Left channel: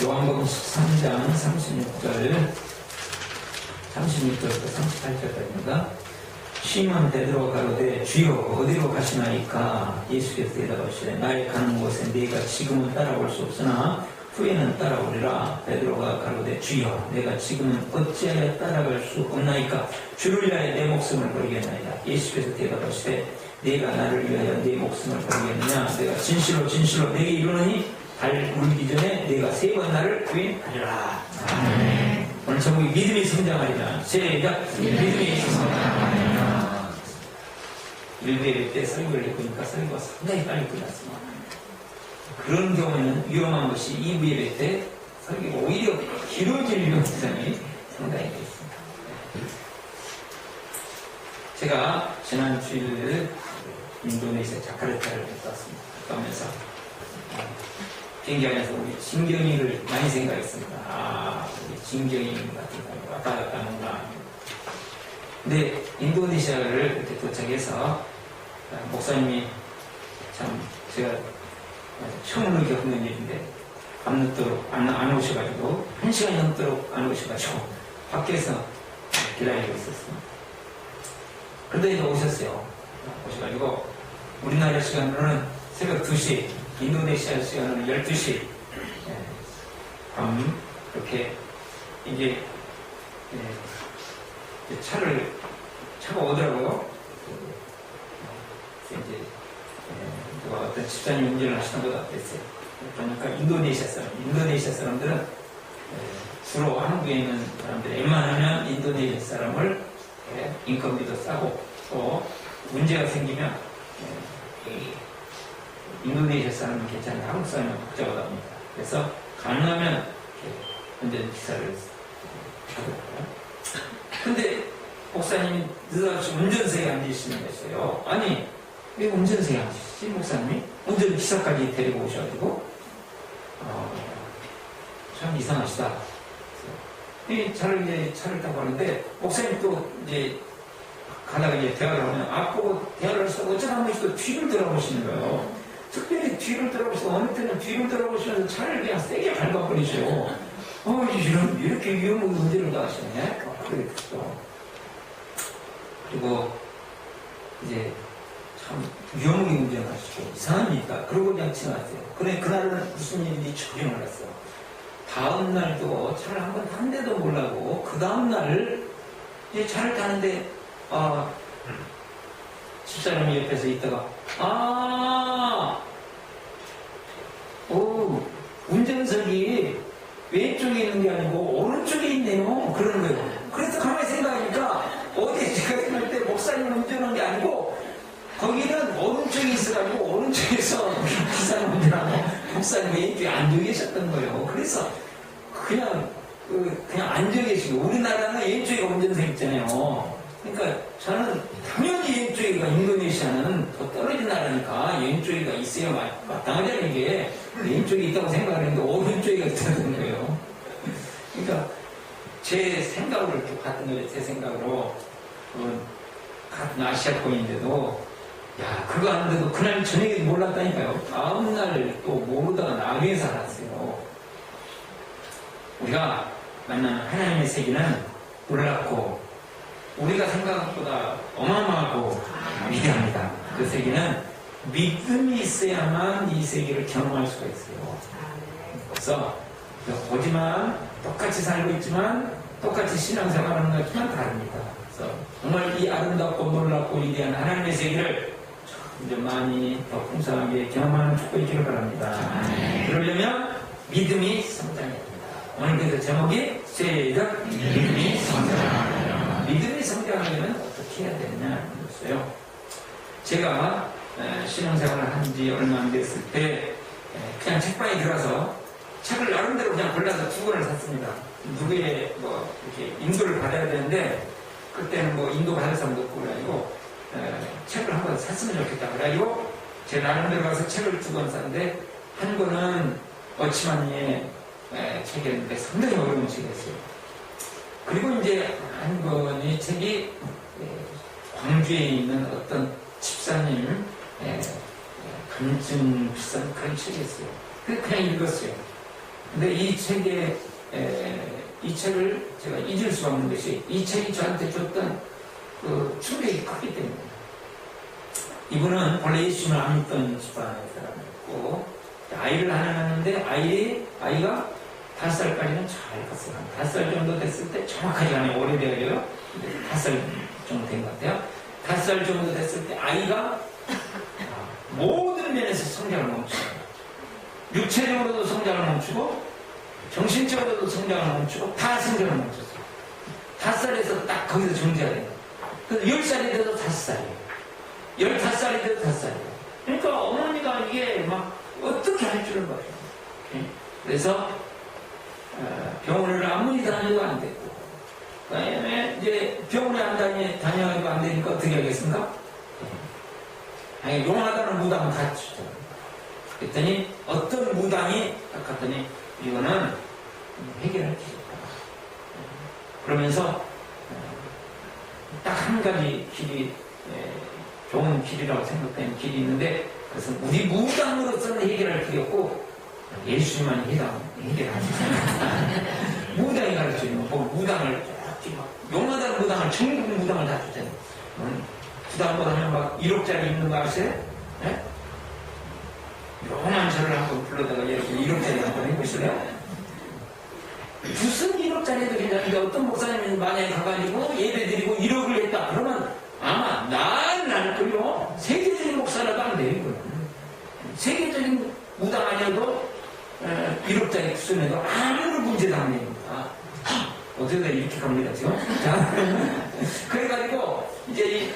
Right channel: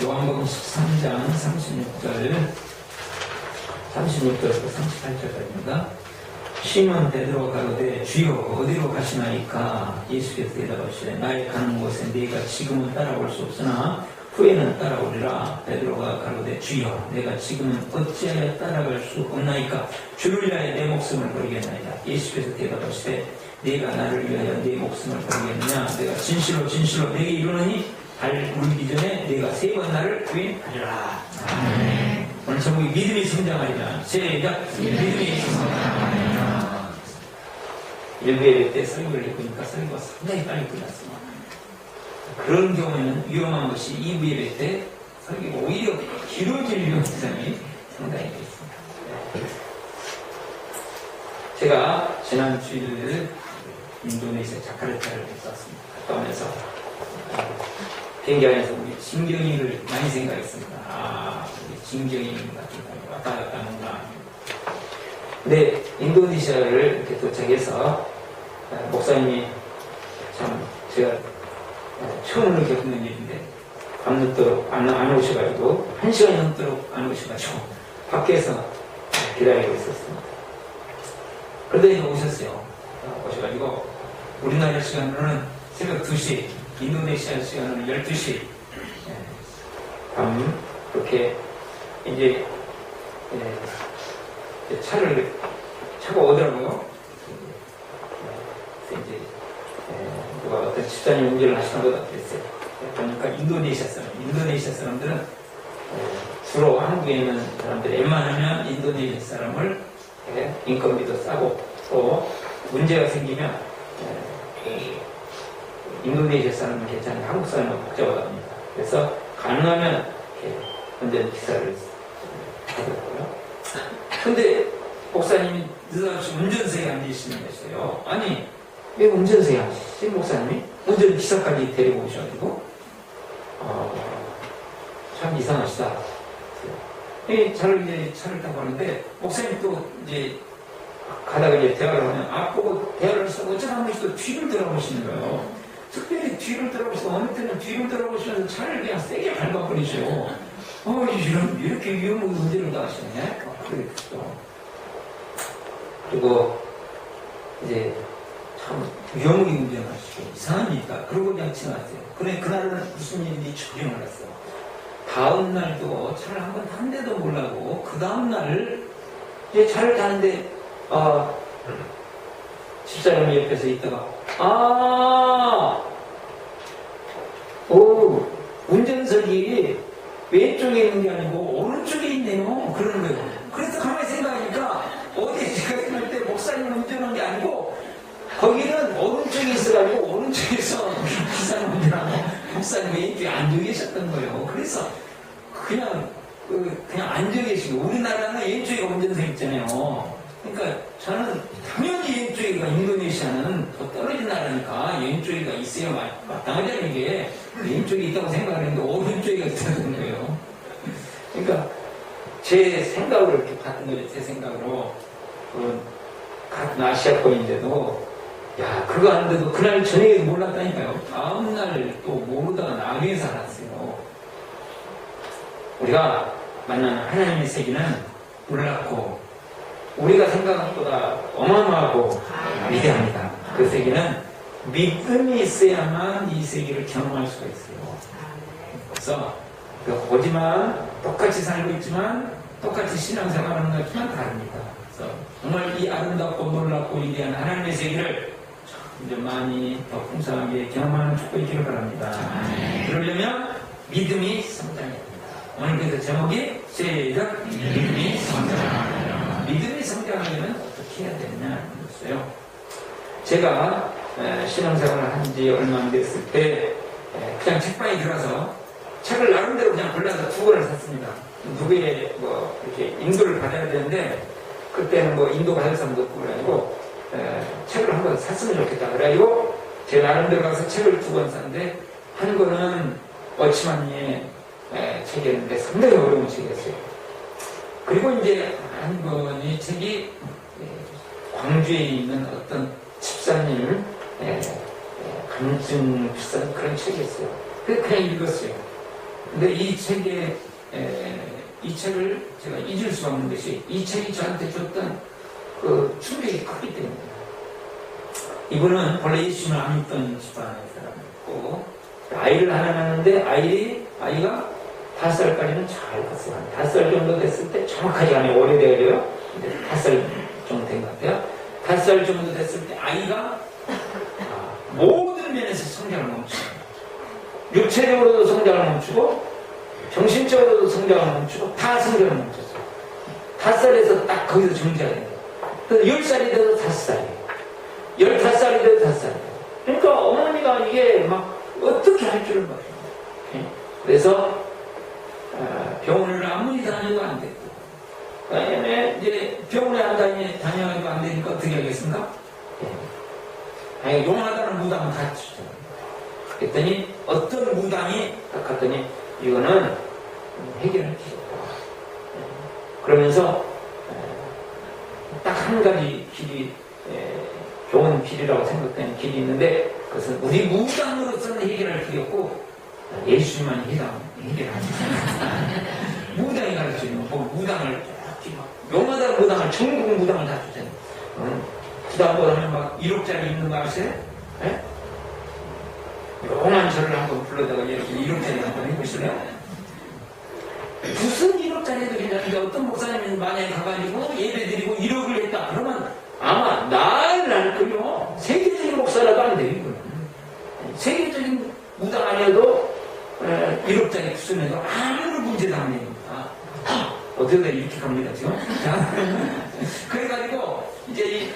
요한복음 13장 36절부터 38절까지입니다. 시몬 베드로가 가로되 주여 어디로 가시나이까? 예수께서 대답하시되 나의 가는 곳에 네가 지금은 따라올 수 없으나 후에는 따라오리라. 베드로가 가로되 주여 내가 지금은 어찌하여 따라갈 수 없나이까? 주를 위하여 내 목숨을 버리겠나이다. 예수께서 대답하시되 네가 나를 위하여 네 목숨을 버리겠느냐? 내가 진실로 진실로 내게 이르노니 발 울기 전에 네가 3번 나를 부인하리라. 아멘. 오늘 제목이 믿음이 성장하리라. 시작. 믿음이 성장하리라. 일부예배 때 설교를 해보니까 설교가 상당히 빨리 끝났습니다. 그런 경우에는 위험한 것이 2부 예배 때 설교가 오히려 길어질 위험성이 상당히 있습니다. 제가 지난 주일 인도네시아 자카르타를 갔다 왔습니다. 그러면서 비행기 안에서 우리 진경이를 많이 생각했습니다. 우리 진경이 같은 거 왔다 갔다 하는구나. 근데 인도네시아를 이렇게 도착해서 목사님이 참 제가 처음으로 겪는 일인데 밤늦도록 안 오셔가지고 1시간이 넘도록 안 오셔가지고 밖에서 기다리고 있었습니다. 그런데 이제 오셨어요. 오셔가지고 우리나라 시간으로는 새벽 2시, 인도네시아 시간으로는 12시 밤 그렇게 이제 차가 오더라고요. 그래서 이제 누가 어떤 집사님 운전을 하시는 것 같았어요. 보니까 인도네시아 사람들은 주로 한국에 있는 사람들 웬만하면 인도네시아 사람을 인건비도 싸고 또 문제가 생기면 인도네시아 사람은 괜찮은데 한국 사람은 복잡하답니다. 그래서 가능하면 운전 기사를 하더라고요. 근데 목사님이 느닷없이 운전석에 앉으시는 거였어요. 아니 왜 운전석에 앉으시지 목사님이? 운전기사까지 데리고 오셔가지고 참 이상하시다. 차를 타고 가는데 목사님 또 이제 가다가 이제 대화를 하면 앞보고 대화를 해서 어쩌다 한 번씩 또 뒤를 돌아보시는 거예요. 특별히 뒤를 돌아보시고 어느 때는 뒤를 돌아보시면서 차를 그냥 세게 밟아버리셔요. 이렇게 위험한 운전을 다 하시네. 그리고 이제 참 위험하게 운전을 하시죠. 이상합니까? 그러고 그냥 지나갔어요. 근데 그날은 무슨 일인지 전혀 몰랐어요. 다음 날도 차를 한 번 탄데도 몰라고 그 다음 날 이제 차를 타는데 집사람이 옆에서 있다가 운전석이 왼쪽에 있는 게 아니고 오른쪽에 있네요. 그러는 거예요. 그래서 가만히 생각하니까 어디 제가 생각할 때 목사님 운전한 게 아니고 거기는 오른쪽에 있어가지고 오른쪽에서 기사님 운전하고 목사님 왼쪽에 앉아 계셨던 거예요. 그래서 그냥 앉아 계시고 우리나라는 왼쪽에 운전석 있잖아요. 그러니까 저는 당연히 왼쪽이가 인도네시아는 더 떨어진 나라니까 왼쪽이가 있어야 마땅하다는 게 왼쪽이 있다고 생각하는데 오른쪽이가 있다는 거예요. 그러니까 제 생각으로 갔던 거예요. 제 생각으로 같은 아시아권인데도 그거 하는데도 그날 저녁에 몰랐다니까요. 다음날 또 모르다가 나중에 살았어요. 우리가 만난 하나님의 세계는 놀랍고 우리가 생각한 것보다 어마어마하고 위대합니다. 그 세계는 믿음이 있어야만 이 세계를 경험할 수가 있어요. 그래서 보지만 똑같이 살고 있지만 똑같이 신앙생활하는 것 같지만 다릅니다. 그래서 정말 이 아름답고 놀랍고 위대한 하나님의 세계를 이제 많이 더 풍성하게 경험하는 축복이 있기를 바랍니다. 그러려면 믿음이 성장해야 됩니다. 오늘 그래서 제목이 시작 믿음이 성장합니다. 믿음이 성장하려면 어떻게 해야 되느냐 이랬어요. 제가 신앙생활을 한 지 얼마 안 됐을 때 그냥 책방에 들어가서 책을 나름대로 그냥 골라서 2권을 샀습니다. 누구의 이렇게 인도를 받아야 되는데 그때는 인도 받을 사람도 없고 그래가지고 책을 한 권 샀으면 좋겠다 그래가지고 제가 나름대로 가서 책을 2권 샀는데 한 권은 어치마니의 책이었는데 상당히 어려운 책이었어요. 그리고 이제 한 권의 책이 광주에 있는 어떤 집사님 감증 비싼 그런 책이었어요. 그냥 읽었어요. 근데 이 책을 제가 잊을 수 없는 것이 이 책이 저한테 줬던 그 충격이 컸기 때문입니다. 이분은 본래 예수님을 안 믿던 집안의 사람이었고 아이를 하나 낳았는데 아이가 5살까지는 잘 컸어요. 5살 정도 됐을 때 정확하게 안 해요. 오래돼야 돼요. 5살 정도 된 것 같아요. 5살 정도 됐을 때 아이가 모든 면에서 성장을 멈추고 육체적으로도 성장을 멈추고 정신적으로도 성장을 멈추고 다 성장을 멈췄어요. 5살에서 딱 거기서 정지하게 돼요. 10살이 돼도 5살이에요. 15살이 돼도 5살이에요. 그러니까 어머니가 이게 막 어떻게 할 줄을 몰라요. 그래서 병원을 아무리 다녀도 안 됐고 그다음에 이제 병원에 한 다녀도 안 되니까 어떻게 하겠습니까? 아니 용하다는 무당은 다 주죠. 그랬더니 어떤 무당이 딱 갔더니 이거는 해결할 길이다. 그러면서 딱 한 가지 길이 좋은 길이라고 생각되는 길이 있는데 그것은 우리 무당으로서는 해결할 길이 없고 예수님만이 해결하지. 무당이 가르쳐주는 뭐 무당을 용하다는 무당을 천국 무당을 다 줬잖아요. 부담보다 하면 막 1억짜리 있는 거 아세요? 용한 절을 한번 불러다가 1억짜리 한번 해보실래요? 무슨 1억짜리도 괜찮은데 어떤 목사님이 만약에 가가지고 예배드리고 1억을 했다 그러면 아마 날 거요. 세계적인 목사라도 안 돼요. 이거는. 세계적인 무당 아니어도 1억짜리 구성해도 아무런 문제도 안 됩니다. 어떻게 이렇게 갑니다 지금? 자, 그래가지고 이제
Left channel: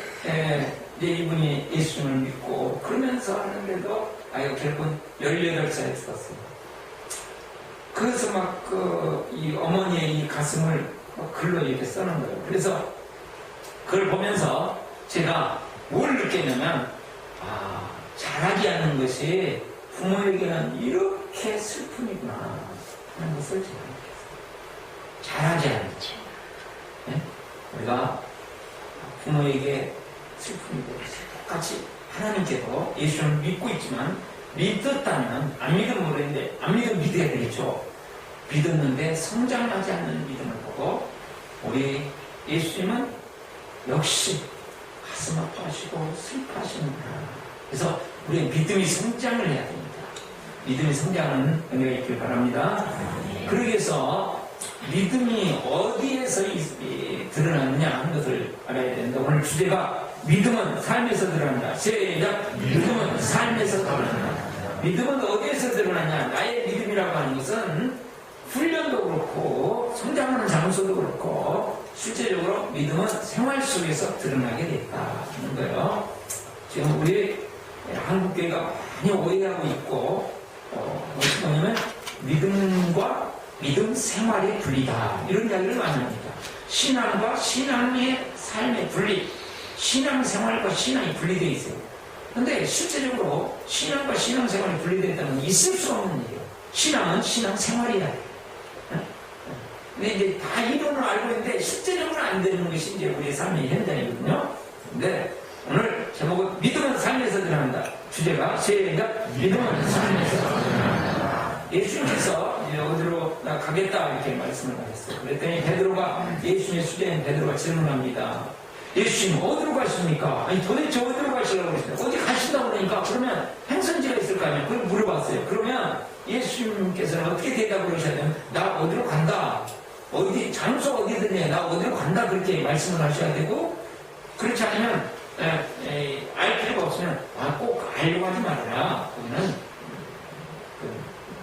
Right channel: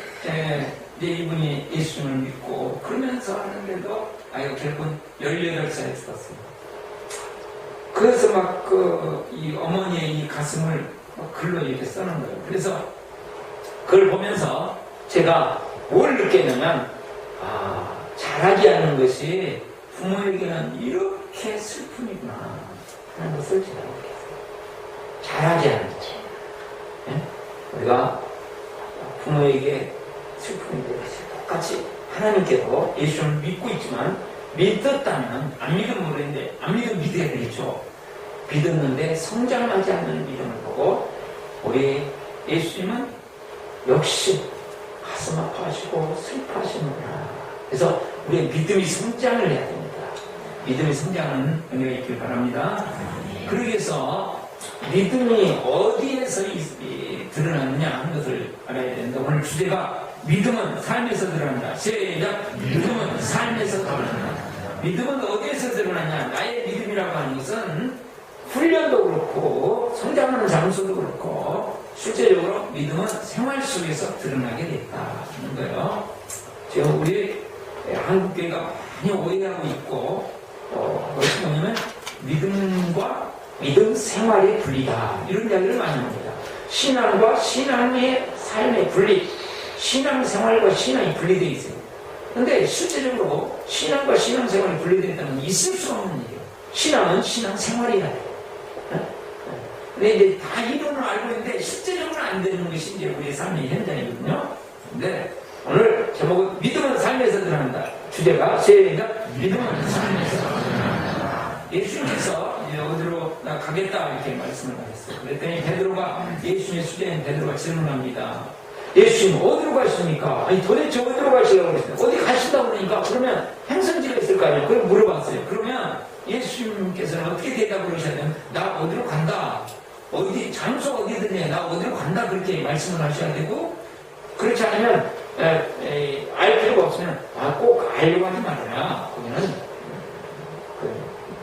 이분이 예수님을 믿고 그러면서 하는데도 아이가 결국은 18살에 죽었어요. 그래서 막 이 어머니의 이 가슴을 글로 이렇게 써놓은 거예요. 그래서 그걸 보면서 제가 뭘 느꼈냐면 잘하지 않는 것이 부모에게는 이렇게 슬픔이구나 하는 것을 제가 느꼈어요. 잘하지 않는 것. 우리가 부모에게 슬픔이 되듯이 똑같이 하나님께도 예수님을 믿고 있지만 믿었다면 안 믿으면 모르겠는데 안 믿으면 믿어야 되겠죠. 믿었는데 성장하지 않는 믿음을 보고 우리 예수님은 역시 가슴 아파하시고 슬퍼하시는구나. 그래서 우리 믿음이 성장을 해야 됩니다. 믿음이 성장하는 은혜가 있길 바랍니다. 그러기 위해서 믿음이 어디에서 드러나느냐 하는 것을 알아야 된다. 오늘 주제가 믿음은 삶에서 드러난다. 시작! 믿음은 삶에서 드러난다. 믿음은 어디에서 드러나냐? 나의 믿음이라고 하는 것은 훈련도 그렇고 성장하는 장소도 그렇고 실제적으로 믿음은 생활 속에서 드러나게 됐다 하는 거예요. 지금 우리 한국교회가 많이 오해하고 있고 그것이 뭐냐면 믿음과 믿음 생활이 분리다 이런 이야기를 많이 합니다. 신앙과 신앙의 삶의 분리, 신앙생활과 신앙이 분리되어 있어요. 그런데 실제적으로 신앙과 신앙생활이 분리되어 있다는 건 있을 수 없는 일이에요. 신앙은 신앙생활이다. 근데 이제 다 이론을 알고 있는데 실제적으로 안 되는 것이 이제 우리의 삶의 현장이거든요. 근데 오늘 제목은 믿음은 삶에서 드러난다. 주제가 시작. 믿음은 삶에서 드러난다. 예수님께서 이제 어디로 나 가겠다 이렇게 말씀을 하셨어요. 그랬더니 베드로가 예수님의 수제인 베드로가 질문합니다. 예수님 어디로 가십니까? 아니 도대체 어디로 가시려고 그러십니까? 어디 가시다고 그러니까 그러면 행선지가 있을 거 아니에요. 그걸 물어봤어요. 그러면 예수님께서는 어떻게 대답을 하셨냐면 나 어디로 간다. 어디 장소 어디든지 나 어디로 간다 그렇게 말씀을 하셔야 되고 그렇지 않으면 알 필요가 없으면 꼭 알려고 하지 말라. 거기는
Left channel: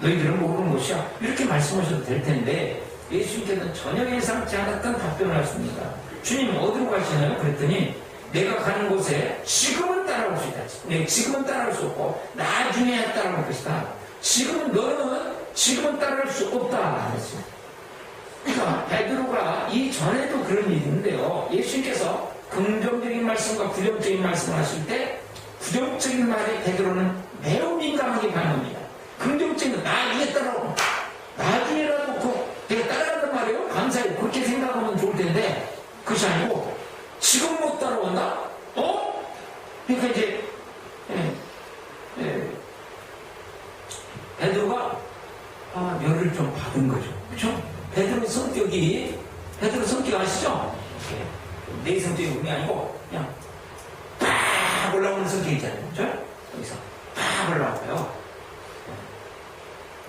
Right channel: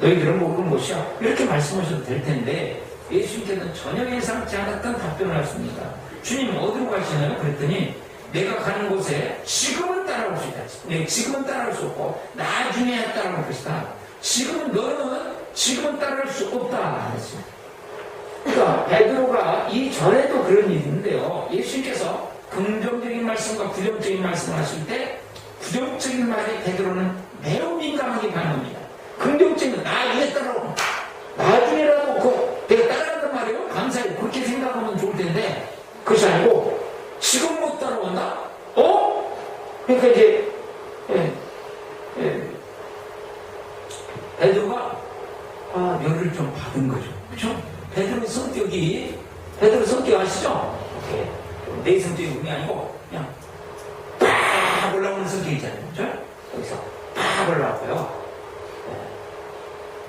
너희들은 모르는 곳이야. 이렇게 말씀하셔도 될 텐데 예수님께서는 전혀 예상치 않았던 답변을 하십니다. 주님 어디로 가시나요? 그랬더니 내가 가는 곳에 지금은 따라올 수 있다. 네, 지금은 따라올 수 없고 나중에야 따라올 것이다. 너는 지금은 따라올 수 없다. 그랬어요. 그러니까 베드로가 이전에도 그런 일이 있는데요. 예수님께서 긍정적인 말씀과 부정적인 말씀을 하실 때 부정적인 말에 베드로는 매우 민감하게 반응합니다. 긍정적인 나중에 따라오고 나중에라도 내가 따라간단 말이에요. 감사해요. 그렇게 생각하면 좋을 텐데 그것이 아니고 지금 못 따라온다? 그러니까 이제 베드로가 열을 받은 거죠. 그렇죠? 베드로 성격 아시죠? 내 성격이 그게 아니고 그냥 팍 올라오는 성격 있잖아요. 그렇죠? 여기서 팍 올라왔어요.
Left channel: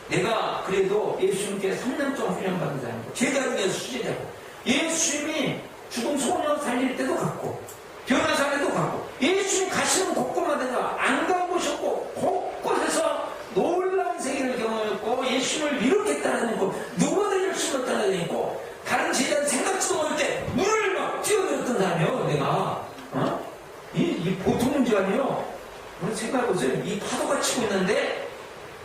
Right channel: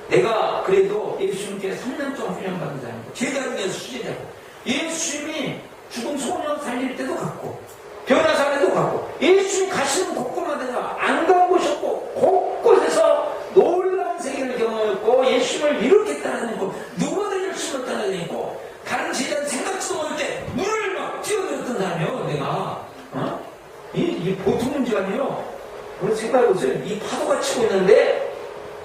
내가 그래도 예수님께 3년 동안 훈련받은 사람이고 제자로 위해서 수제자고 예수님이 죽은 소년 살릴 때도 갔고 변화사례도 갔고 예수님 가시는 곳곳마다 안 가보셨고 곳곳에서 놀라운 세계를 경험했고 예수님을 이렇게 따라다니고 누구보다 열심히 따라다니고 다른 제자는 생각지도 못할 때 물을 막 뛰어들었던 사람이에요. 내가 이 보통 문제가 아니에요. 우리 생각해보세요. 이 파도가 치고 있는데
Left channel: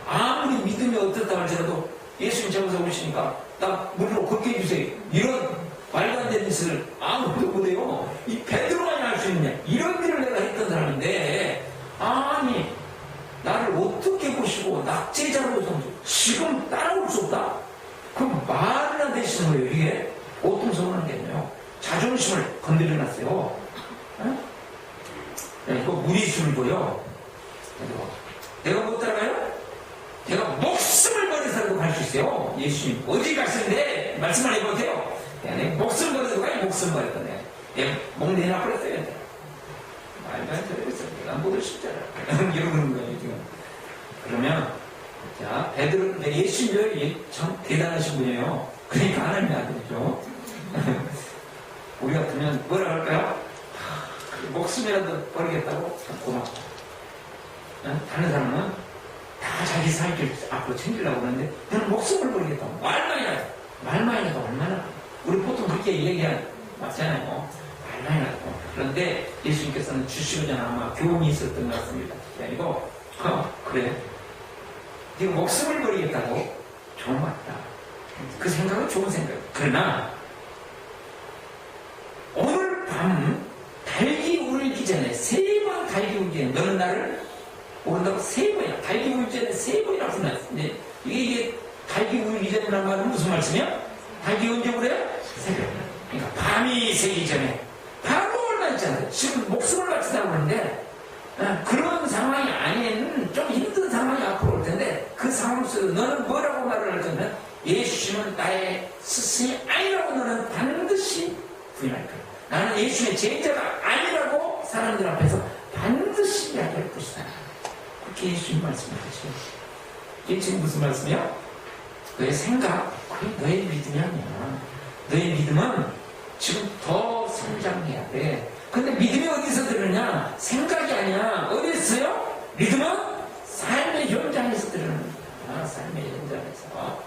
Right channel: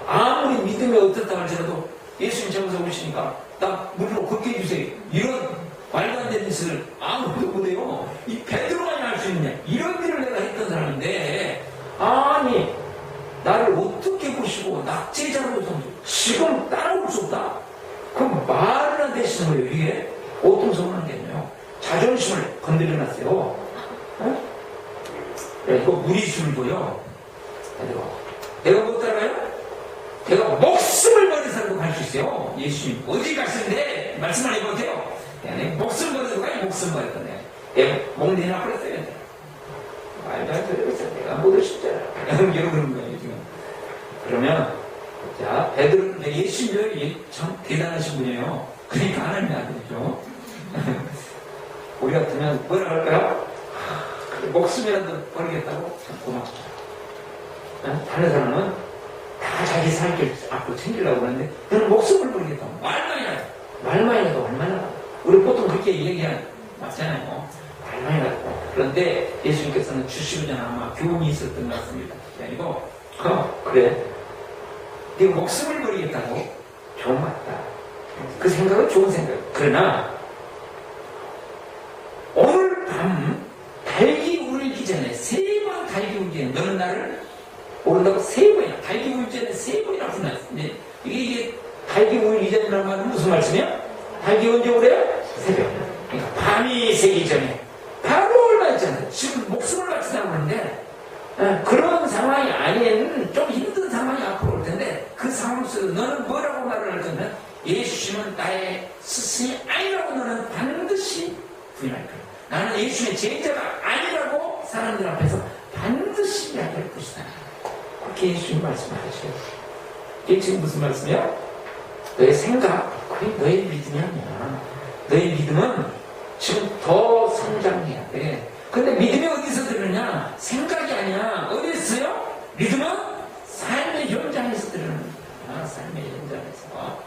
아무리 믿음이 어떻다 할지라도 예수님 잡아서 오시니까 나 물로 걷게 해주세요. 이런 말도 안 되는 짓을 아무도 못해요. 이 베드로만이 할 수 있냐. 이런 일을 내가 했던 사람인데 아니 나를 어떻게 보시고 낙제자로 지금 따라올 수 없다? 그럼 말이나 되시는 거예요. 이게 보통 서운한 게 아니에요. 자존심을 건드려놨어요. 그래서 무리수를 보여. 내가 못 따라가요? 내가 목숨을 버려서라도 갈 수 있어요. 예수님 어디 가시는데 말씀 안 해보세요. 내가 목숨 버려서 가요. 목숨 버릴 건데 목 내놔 버렸어요. 말도 안 되고 있어. 내가 못 오셨잖아. 이러는 거예요 지금. 그러면 자 베드로는 예수님이 참 대단하신 분이에요. 그러니까 하나님이 안 되죠. 우리 같으면 뭐라 할까요? 목숨이라도 버리겠다고 참 고맙다. 다른 사람은 다 자기 살길 앞으로 챙기려고 하는데 너는 목숨을 버리겠다고 말만이라도 얼마나 우리 보통 그렇게 얘기하는 맞잖아요. 말만이라도 그런데 예수님께서는 주시고자 아마 교훈이 있었던 것 같습니다. 아니고 그래 네가 목숨을 버리겠다고 좋은 것 같다. 그 생각은 좋은 생각. 그러나 오늘 밤 달기 울기 전에 3번 달기 울기 전에 너는 나를 모른다고 3번이야. 달기 울기 전에 3번이라고 불렀는데 이게 달기 울기 전이라는 말은 무슨 말씀이야? 달기 언제 오래요? 새벽. 그러니까 밤이 새기 전에 바로 얼마 있잖아요. 지금 목숨을 바친다고 하는데 그런 상황이 아닌 좀 힘든 상황이 앞으로 올 텐데 그 상황 속에서 너는 뭐라고 말을 할 거면 예수님은 나의 스승이 아니라고 너는 반드시 부인할 거야. 나는 예수님의 제자가 아니라고 사람들 앞에서 반드시 이야기할 것이다. 그렇게 예수님 말씀하시죠. 이게 지금 무슨 말씀이야? 너의 생각, 그게 너의 믿음이 아니야. 너의 믿음은 지금 더 성장해야 돼. 근데 믿음이 어디서 들으냐? 생각이 아니야. 어디 있어요? 믿음은 삶의 현장에서 들어가는 거야. 삶의 현장에서.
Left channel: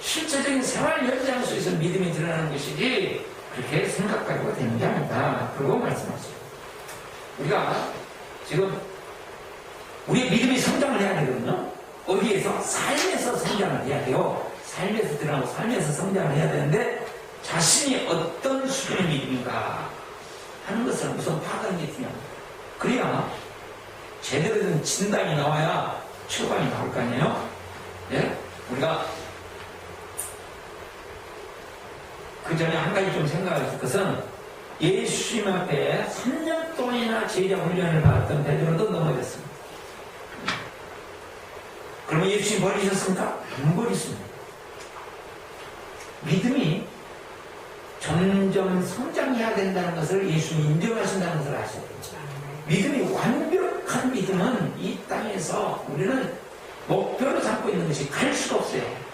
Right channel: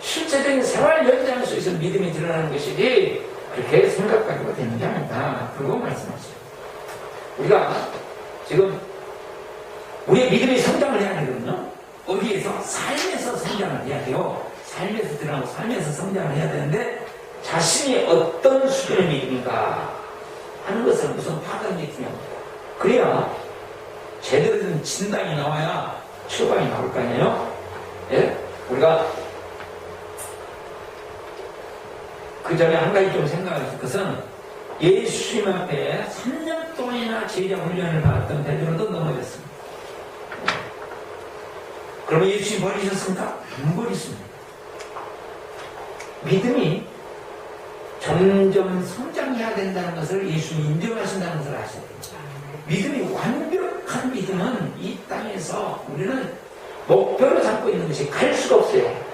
실제적인 생활 현장 속에서 믿음이 드러나는 것이지 그렇게 생각하고 되는 게 아니다. 그러고 말씀하시죠. 우리가 지금 우리의 믿음이 성장을 해야 되거든요. 어디에서? 삶에서 성장을 해야 돼요. 삶에서 들어가고 삶에서 성장을 해야 되는데 자신이 어떤 수준의 믿음인가 하는 것을 우선 파악하는 게 중요합니다. 그래야 제대로 된 진단이 나와야 처방이 나올 거 아니에요? 예? 우리가 그 전에 한 가지 좀 생각할 것은 예수님 앞에 3년 동안이나 제자 훈련을 받았던 베드로도 넘어졌습니다. 그러면 예수님 버리셨습니까? 안 버리십니다. 믿음이 점점 성장해야 된다는 것을 예수님 인정하신다는 것을 아셔야 됩니다. 믿음이 완벽한 믿음은 이 땅에서 우리는 목표로 삼고 있는 것이 갈 수가 없어요.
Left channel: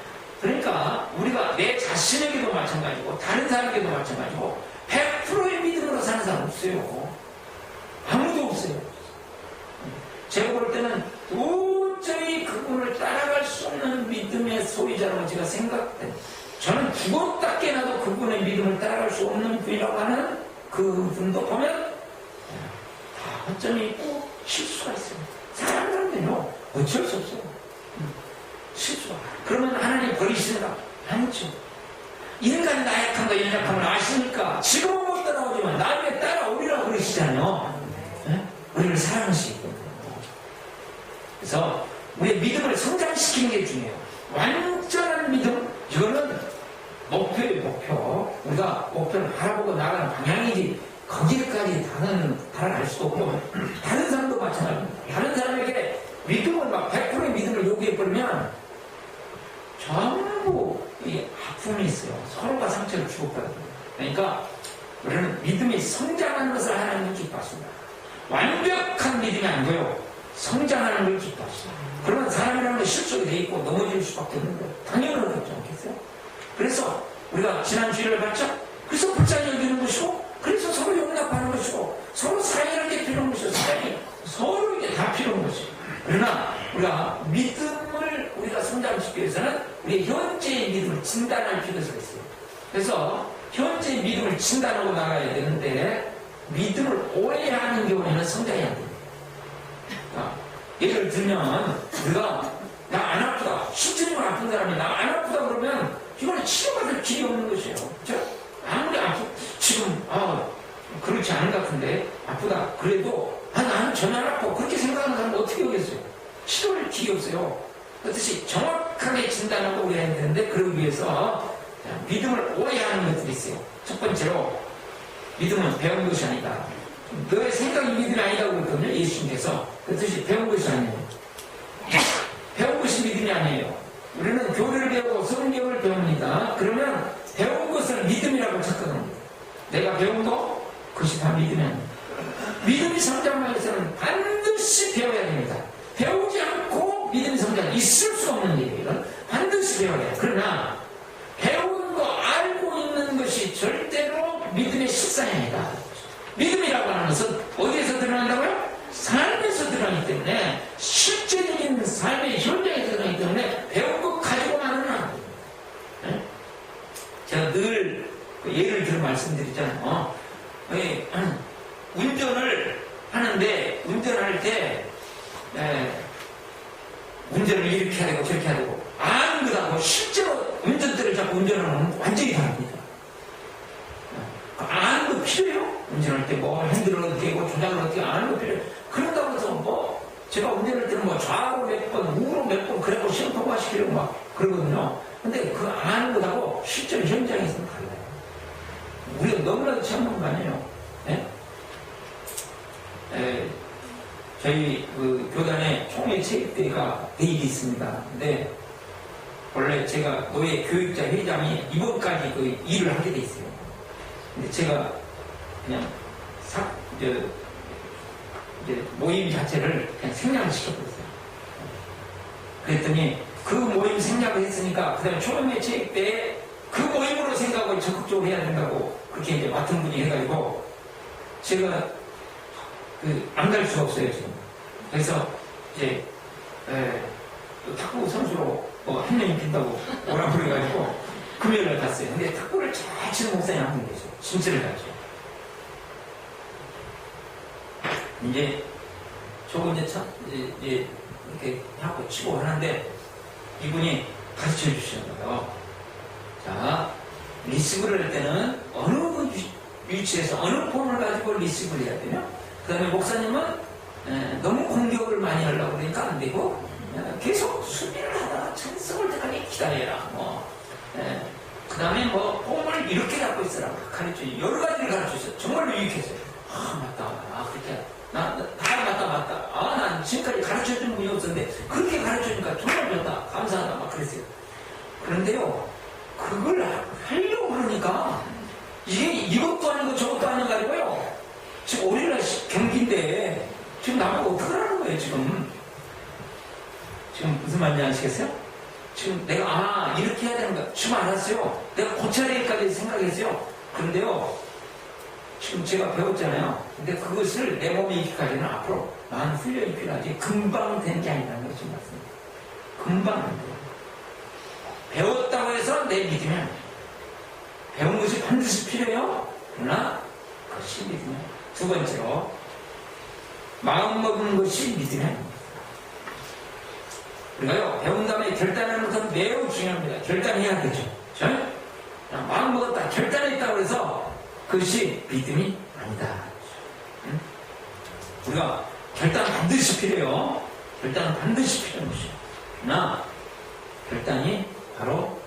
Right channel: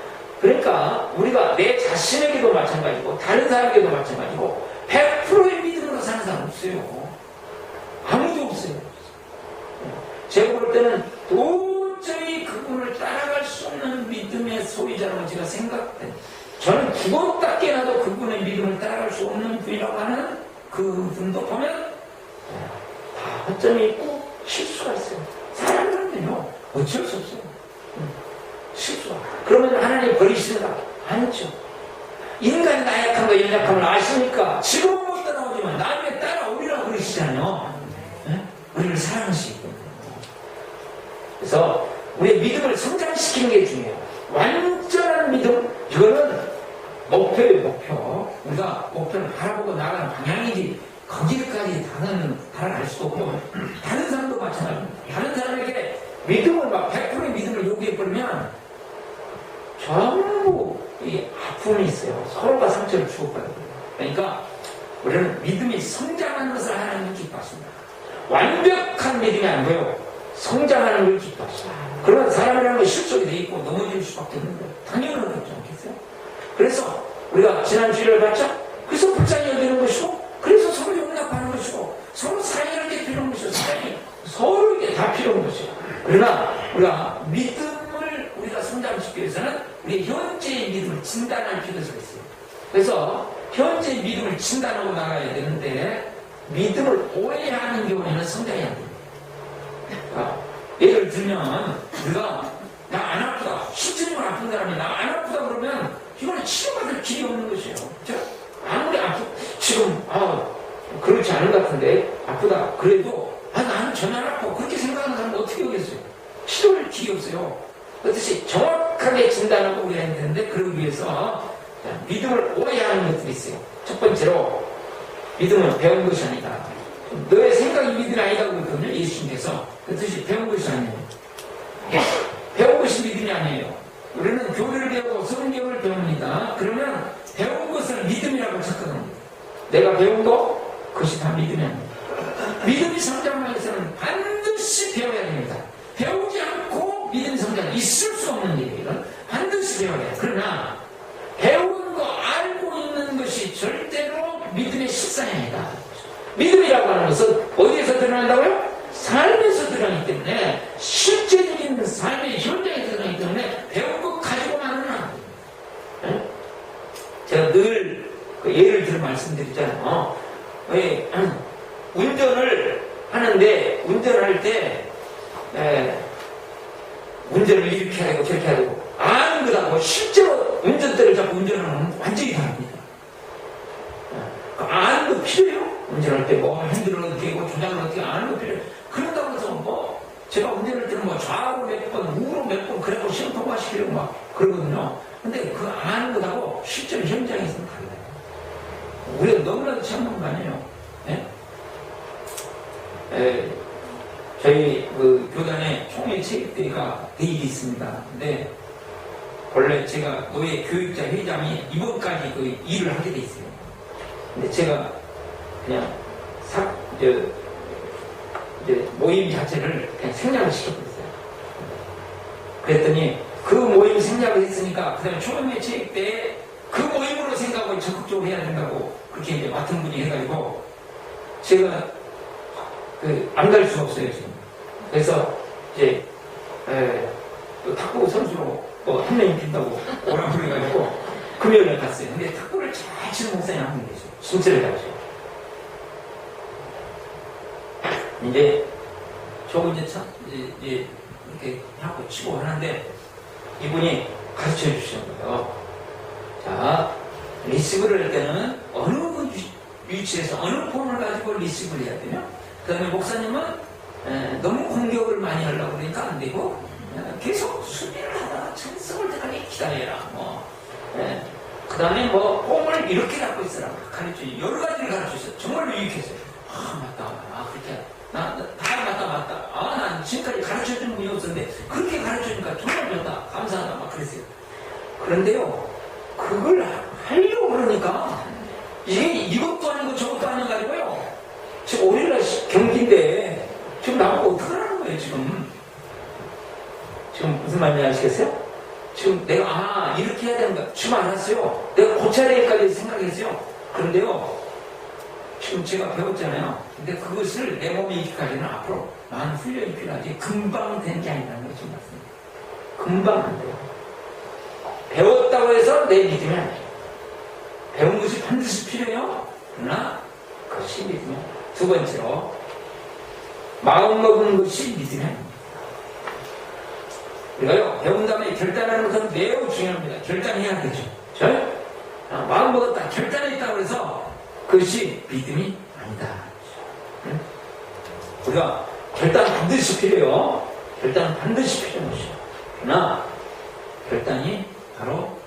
그러니까 우리가 내 자신에게도 마찬가지고 다른 사람에게도 마찬가지고 100%의 믿음으로 사는 사람 없어요. 아무도 없어요. 제가 볼 때는 도저히 그분을 따라갈 수 없는 믿음의 소유자라고 제가 생각해요. 저는 죽었다 깨나도 그분의 믿음을 따라갈 수 없는 분이라고 하는 그분도 보면 다 허점이 있고 실수가 있어요. 사람들은요 어쩔 수 없어요. 실수가. 그러면 하나님 버리십니까? 아니죠. 인간이 나약한 거 연약함을 아시니까 지금은 못 따라오지만 나중에 따라오리라고 그러시잖아요. 네? 우리를 사랑하시고. 그래서 우리의 믿음을 성장시키는 게 중요해요. 완전한 믿음, 이거는 목표예요, 목표. 우리가 목표를 바라보고 나가는 방향이지 거기까지 달아갈 수도 없고 다른 사람도 마찬가지입니다. 다른 사람에게 믿음을 막 100%의 믿음을 요구해버리면 전부 서로 이 아픔이 있어요. 서로가 상처를 주고받는 거예요. 그러니까 우리는 믿음이 성장하는 것을 하나님은 기뻐하십니다. 완벽한 믿음이 아니고요. 성장하는 걸 기뻐하십니다. 그러면 사람이라는 게 실속이 돼 있고 넘어질 수밖에 없는 거예요. 당연한 거지 않겠어요? 그래서 우리가 지난 주일을 봤죠? 그래서 불쌍히 여기는 것이고, 그래서 서로 용납하는 것이고, 서로 사랑하는 게 필요한 것이고, 사랑이 서로에게 다 필요한 것이에요. 그러나 우리가 믿음을 우리가 성장시키기 위해서는 우리의 현재의 믿음을 진단할 필요가 있어요. 그래서 현재의 믿음을 진단하고 나가야 되는데, 믿음을 오해하는 경우에는 성장이 안 됩니다. 예를 들면 우리가 나 안 아프다, 신체적으로 아픈 사람이 나 안 아프다 그러면 이거는 치료받을 길이 없는 것이에요. 그렇죠? 아무리 지금 그렇지 않은 것 같은데 아프다 그래도 나는 전혀 안 아파 그렇게 생각하는 사람은 어떻게 하겠어요? 치료할 길이 없어요. 그렇듯이 정확하게 진단을 우리가 해야 되는데 그러기 위해서 믿음을 오해하는 것들이 있어요. 첫 번째로 믿음은 배운 것이 아니다. 너의 생각이 믿음이 아니라고 그러거든요. 예수님께서. 그 뜻이 배운 것이 아니에요. 배운 것이 믿음이 아니에요. 우리는 교리를 배우고 성경을 배웁니다. 그러면 배운 것을 믿음이라고 착각합니다. 내가 배운 거 그것이 다 믿음이 아닙니다. 믿음이 성장하기 위해서는 반드시 배워야 됩니다. 배우지 않고 믿음이 성장 있을 수 없는 일이에요. 반드시 배워야 해요. 그러나 배운 거 알고 있는 것이 절대로 믿음의 실상이 아니다. 믿음이라고 하는 것은 어디에서 드러난다고요? 삶에서 드러나기 때문에 실제적인 삶의 현장에 드러나기 때문에 배운 것 가지고만은 안 돼요. 제가 늘 예를 들어 말씀드리잖아요. 운전을 하는데 운전할 때 운전을 이렇게 해야 되고 저렇게 해야 되고 아는 것하고 실제로 운전대를 잡고 운전하는 건 완전히 다릅니다. 아는 거 필요해요? 운전할 때 뭐 핸들을 어떻게 하고 조작을 어떻게 아는 거 필요해요? 그런다고 해서 제가 운전할 때는 좌우로 몇 번, 우로 몇 번 그래고 시험 통과시키려고 막 그러거든요. 근데 그 아는 것하고 실제로 현장에서는 달라요. 우리가 너무나도 참는 거 아니에요? 저희 그 교단에 총회 체육대회가 내일이 있습니다. 근데 원래 제가 노예 교육자 회장이 이번까지 그 일을 하게 돼 있어요. 근데 제가 그냥 이제 모임 자체를 그냥 생략을 시키고 있어요. 그랬더니 그 모임 생략을 했으니까 그 다음에 초등회 체육 때 그 모임으로 생각을 적극적으로 해야 된다고 그렇게 이제 맡은 분이 해가지고 제가 안 갈 수가 없어요 지금. 그래서 이제 또 탁구 선수로 한 명이 빈다고 뭐라 그래가지고 금요일에 갔어요. 근데 탁구를 잘 치는 목사님 한 분 계세요. 진짜를 잘 쳐요. 이제 저거 이제 이렇게 하고 치고 하는데 이분이 가르쳐 주시는 거예요. 자, 리시브를 할 때는 어느 위치에서 어느 폼을 가지고 리시브를 해야 되냐? 그 다음에 목사님은 너무 공격을 많이 하려고 그러니까 안 되고 계속 수비를 하다가 찬성을 때까지 기다려라. 그 다음에 폼을 이렇게 갖고 있으라고 가르쳐요. 여러 가지를 가르쳐줬어요. 정말로 유익했어요. 맞다. 그렇게. 맞다. 난 지금까지 가르쳐준 분이 없었는데, 그렇게 가르쳐주니까 정말 좋다. 감사하다. 막 그랬어요. 그런데요, 그걸 하려고 그러니까, 이것도 아니고 저것도 아닌 거 가지고요. 지금 5일날 경기인데, 지금 나보고 어떡하라는 거예요, 지금. 지금 무슨 말인지 아시겠어요? 지금 내가, 이렇게 해야 되는가. 지금 알았어요. 내가 고차례까지 생각했어요. 그런데요, 지금 제가 배웠잖아요. 근데 그것을 내 몸에 익히기까지는 앞으로 많은 훈련이 필요하지 금방 되는 게 아니라는 것이 맞습니다. 금방 안 돼요. 배웠다고 해서 내 믿음이 아니에요. 배운 것이 반드시 필요해요. 그러나 그것이 믿음이에요. 두 번째로 마음 먹은 것이 믿음이 아닙니다. 그러니까요, 배운 다음에 결단하는 것은 매우 중요합니다. 결단해야 되죠. 그렇죠? 마음 먹었다, 결단했다고 해서 그것이 믿음이 아니다. 응? 우리가 결단 반드시 필요해요. 결단은 반드시 필요한 것이죠. 그러나 결단이 바로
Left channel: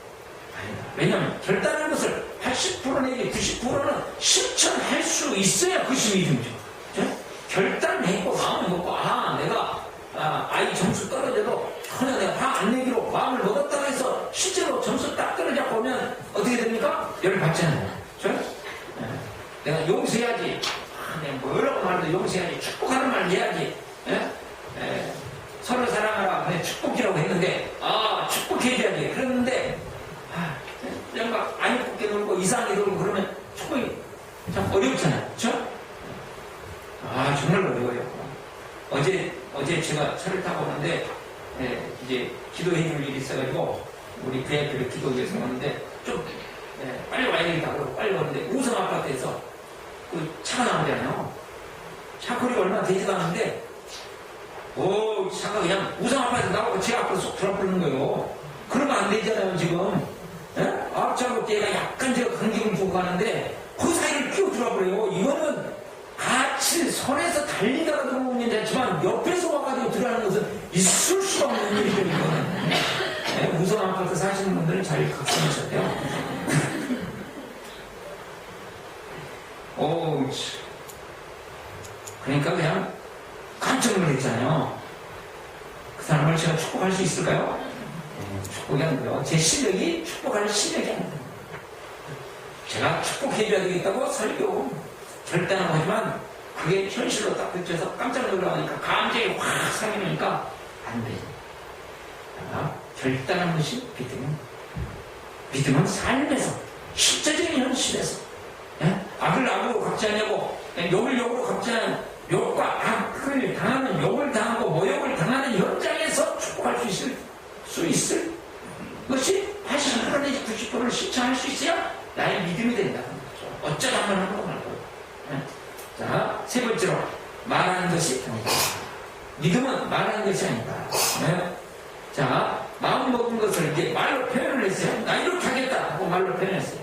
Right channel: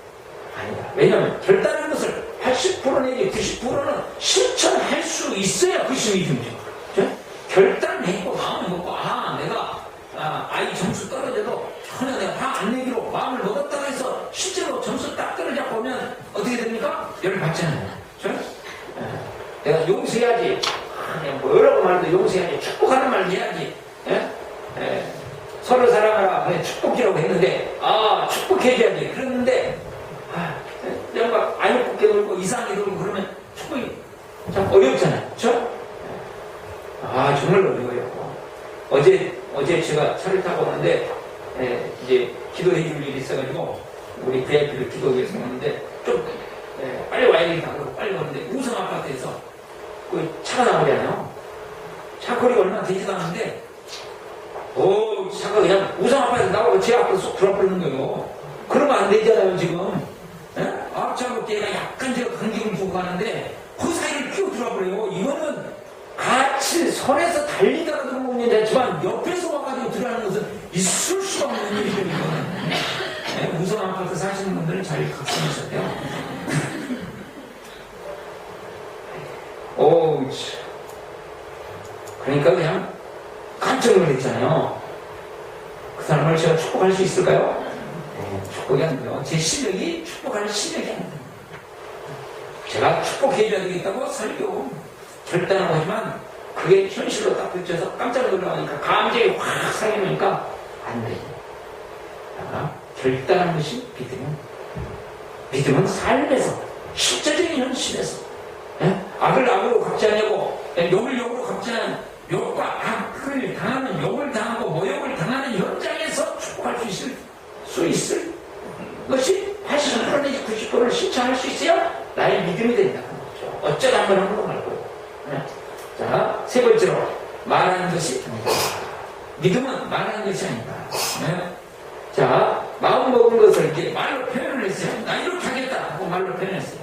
아니다. 왜냐하면 결단한 것을 80% 내지 90%는 실천할 수 있어야 그것이 믿음이죠. 그렇죠? 결단했고 마음을 먹고 내가 아이 점수 떨어져도 전혀 내가 화 안 내기로 마음을 먹었다고 해서 실제로 점수 딱 떨어져 보면 어떻게 됩니까? 열 받잖아요. 그렇죠? 내가 용서해야지. 뭐 여러 번 말도 용서해야지. 축복하는 말 해야지. 서로 사랑하라. 축복이라고 했는데, 축복해야지. 그랬는데, 뭔가 안 예쁘게 놀고 이상하게 놀고 그러면 축복이 참 어렵잖아요. 그렇죠? 정말 어려워요. 어제 제가 차를 타고 오는데, 이제 기도해 줄 일이 있어가지고, 우리 VIP를 기도해 서 오는데, 좀, 빨리 와야겠다. 그러고 빨리 오는데, 우성 아파트에서 그 차가 나오잖아요. 차 거리가 얼마나 되지도 않은데, 차가 그냥 우성 아파트에서 나오고 제 앞으로 쏙 들어버리는 거예요. 그러면 안 되잖아요, 지금. 앞차고 때가 약간 제가 간격을 두고 가는데, 그 사이를 끼워 들어버려요. 이거는 같이 손에서 달리다가 들어오는 일이 아니지만 옆에서 와가지고 들어가는 것은 있을 수가 없는 일이죠. 이거는. 우선 아파트 사시는 분들은 잘 각성하셔야 돼요. 그러니까 그냥 깜짝 놀랐잖아요. 그 사람을 제가 축복할 수 있을까요? 축복이 아니고요. 제 실력이 축복할 실력이 아닙니다. 제가 축복해줘야 되겠다고 설교 절단한 거지만 그게 현실로 딱 붙여서 깜짝 놀라니까 감정이 확 상해놓으니까 안 됩니다. 결단한 것이 믿음은 삶에서 실제적인 현실에서 악을 악으로 갚지 않냐고 욕을 욕으로 갚지 않는 욕과 악을 당하는 욕을 당하고 모욕을 당하는 현장에서 축복할 수 있을 것이 80% 내지 90%를 실천할 수 있어야 나의 믿음이 된다는 거죠. 어쩌다 한번 하는 거 말고. 자, 세 번째로 말하는 것이 아니다. 믿음은 말하는 것이 아니다. 자, 마음 먹은 것을 이렇게 말로 표현을 했어요. 나 이렇게 하겠다 하고 말로 표현했어요.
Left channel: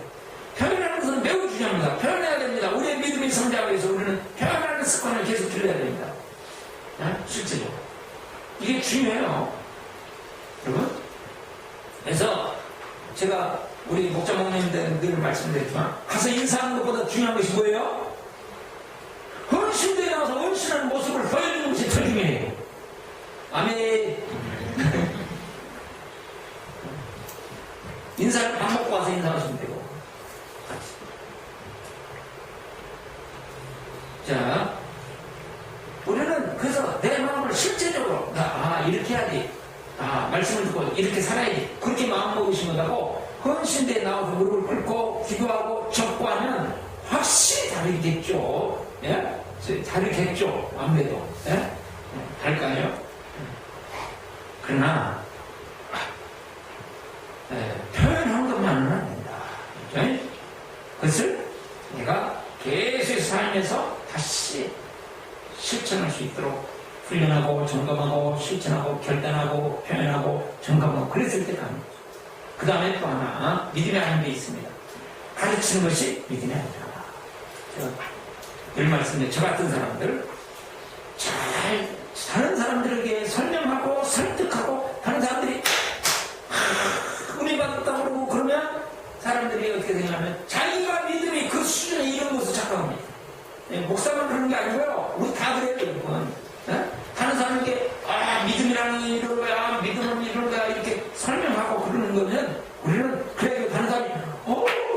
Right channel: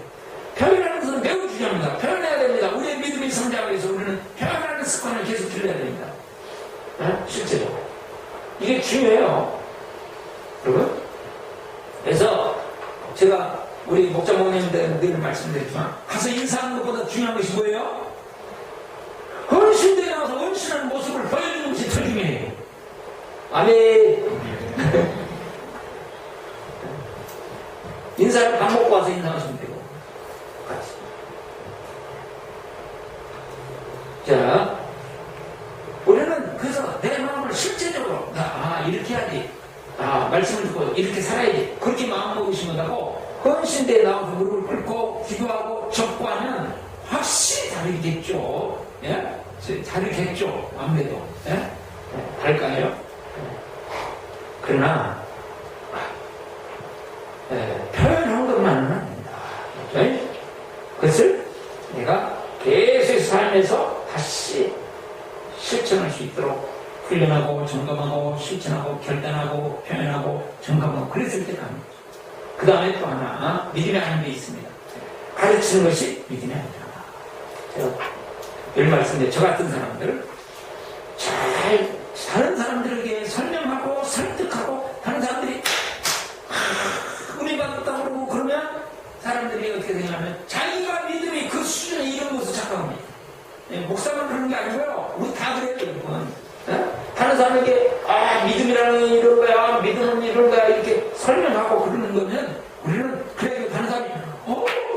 표현하는 것은 매우 중요합니다. 표현해야 됩니다. 우리의 믿음이 성장하기 위해서 우리는 표현하는 습관을 계속 들여야 됩니다. 실제로 이게 중요해요. 여러분. 그래서 제가 우리 목장모님들 늘 말씀드렸지만 가서 인사하는 것보다 중요한 것이 뭐예요? 헌신들에 나와서 헌신하는 모습을 보여주는 것이 더 중요해요. 아멘. 인사를 밥 먹고 와서 인사하시면 되고 같이. 자, 우리는 그래서 내 마음을 실제적으로 이렇게 해야지, 말씀을 듣고 이렇게 살아야지, 그렇게 마음 먹으신 거라고 헌신대에 나와서 무릎을 꿇고 기도하고 적고하면 확실히 다르겠죠. 다르겠죠. 아무래도 다를까요? 그러나 표현한 것만은 안 된다. 그것을 내가 계속 삶에서 다시 실천할 수 있도록 훈련하고 점검하고 실천하고 결단하고 표현하고 점검하고 그랬을 때 가는 거죠. 그 다음에 또 하나 믿음이 아닌 게 있습니다. 가르치는 것이 믿음이 아니다. 제가 늘 말씀드린 저 같은 사람들, 잘 다른 사람들에게 설명하고 설득하고 다른 사람들이 은혜 받았다고 그러고 그러면 사람들이 어떻게 되냐면 자기가 믿음이 그 수준에 이런 것을 착각합니다. 목사만 그러는 게 아니고요. 우리 다 그래요, 여러분. 다른 사람에게 믿음이라는 이런 거야, 믿음은 이런 거야 이렇게 설명하고 그러는 거면 우리는 그래도 다른 사람이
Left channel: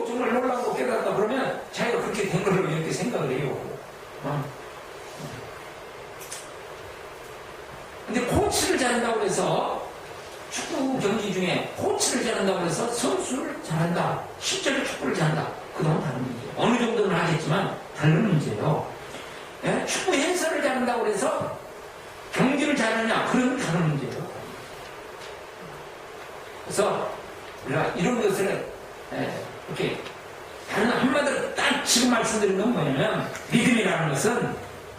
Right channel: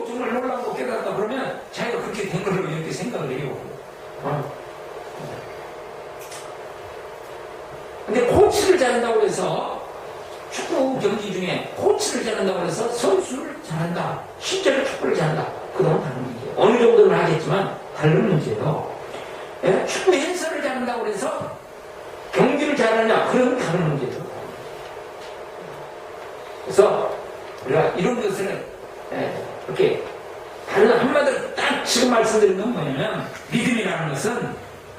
정말 놀라고 깨달았다 그러면 자기가 그렇게 된 걸로 이렇게 생각을 해요. 근데 코치를 잘한다고 해서 축구 경기 중에 코치를 잘한다고 해서 선수를 잘한다, 실제로 축구를 잘한다, 그동안 다른 문제예요. 어느 정도는 하겠지만 다른 문제예요. 축구 해설을 잘한다고 해서 경기를 잘하냐, 그런 다른 문제죠. 그래서 우리가 이런 것을 이렇게 다른 한마디로 딱 지금 말씀드린 건 뭐냐면 믿음이라는 것은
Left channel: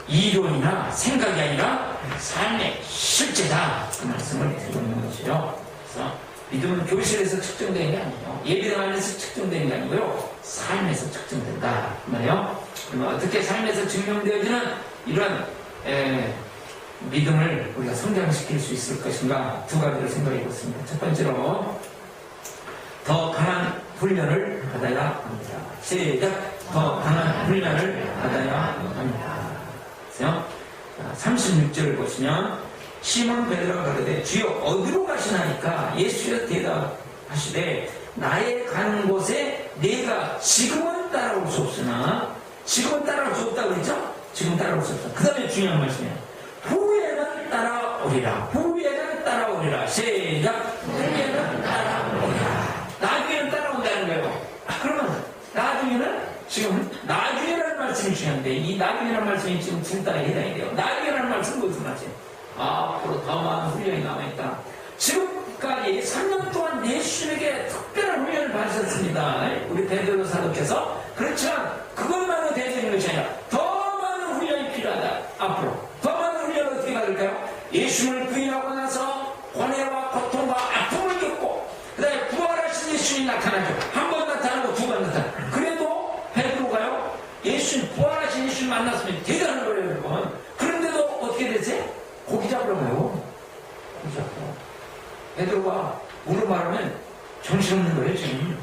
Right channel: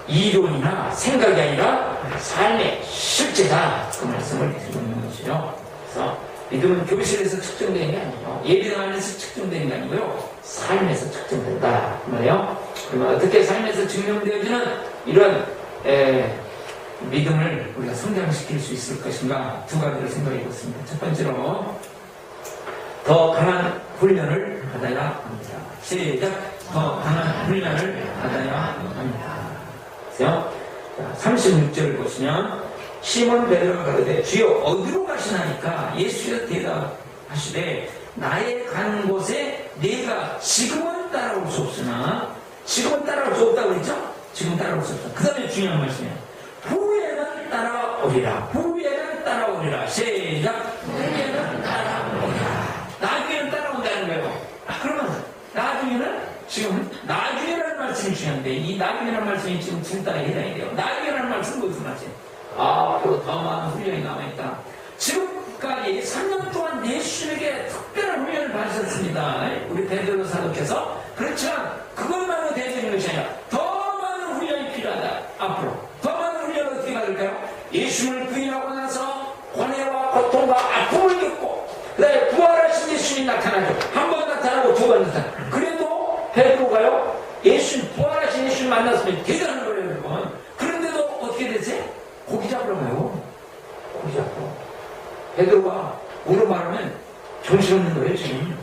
이론이나 생각이 아니라 삶의 실제다, 그 말씀을 드리고 있는 것이죠. 그래서 믿음은 교실에서 측정되는 게 아니에요. 예배당 안에서 측정되는 게 아니고요, 삶에서 측정된다 말이에요. 그러면 어떻게 삶에서 증명되어지는 이런 믿음을 우리가 성장시킬 수 있을 것인가, 두 가지를 생각해 보겠습니다. 첫 번째로 더 강한 훈련을 받아야 합니다. 시작. 더 강한 훈련을 받아야 합니다. 36절을 보시면 시몬 베드로가 가로되 주여 어디로 가시나이까? 예수께서 하시되 나의 가는 곳에 내가 지금은 따라올 수 없으나 지금은 따라올 수 없다고 그랬죠? 지금 따라올 수 없다. 그 다음에 중요한 말씀이에요. 후에는 따라오리라. 후에는 따라오리라. 시작. 후에는 따라오리라. 나중에는 따라온다는 거예요. 그러면 나중에는 지금 나중에라는 말씀이 중요한데 이 나중에라는 말씀이 지금 따라 해당이 돼요. 나중에라는 말씀은 무슨 말이에요? 앞으로 더 많은 훈련이 남아있다. 지금까지 3년 동안 예수님에게 특별한 훈련을 받으셨습니다. 우리 베드로 사도께서. 그렇지만 그것만으로 되는 것이 아니라 더 많은 훈련이 필요하다. 앞으로 더 많은 훈련을 어떻게 받을까요? 예수님을 부인하고 나서 고뇌와 고통과 아픔을 겪고 그 다음에 부활하신 예수님이 나타나죠. 한 번 나타나고 두 번 나타나고. 그래도 베드로가요 예수님 부활하신 예수님 만났으면 대단한 거예요 여러분. 그런데도 어떻게 되세요? 고기 잡으러 가요. 고기 잡고 베드로가 오늘 말하면 정신없는 거예요 지금.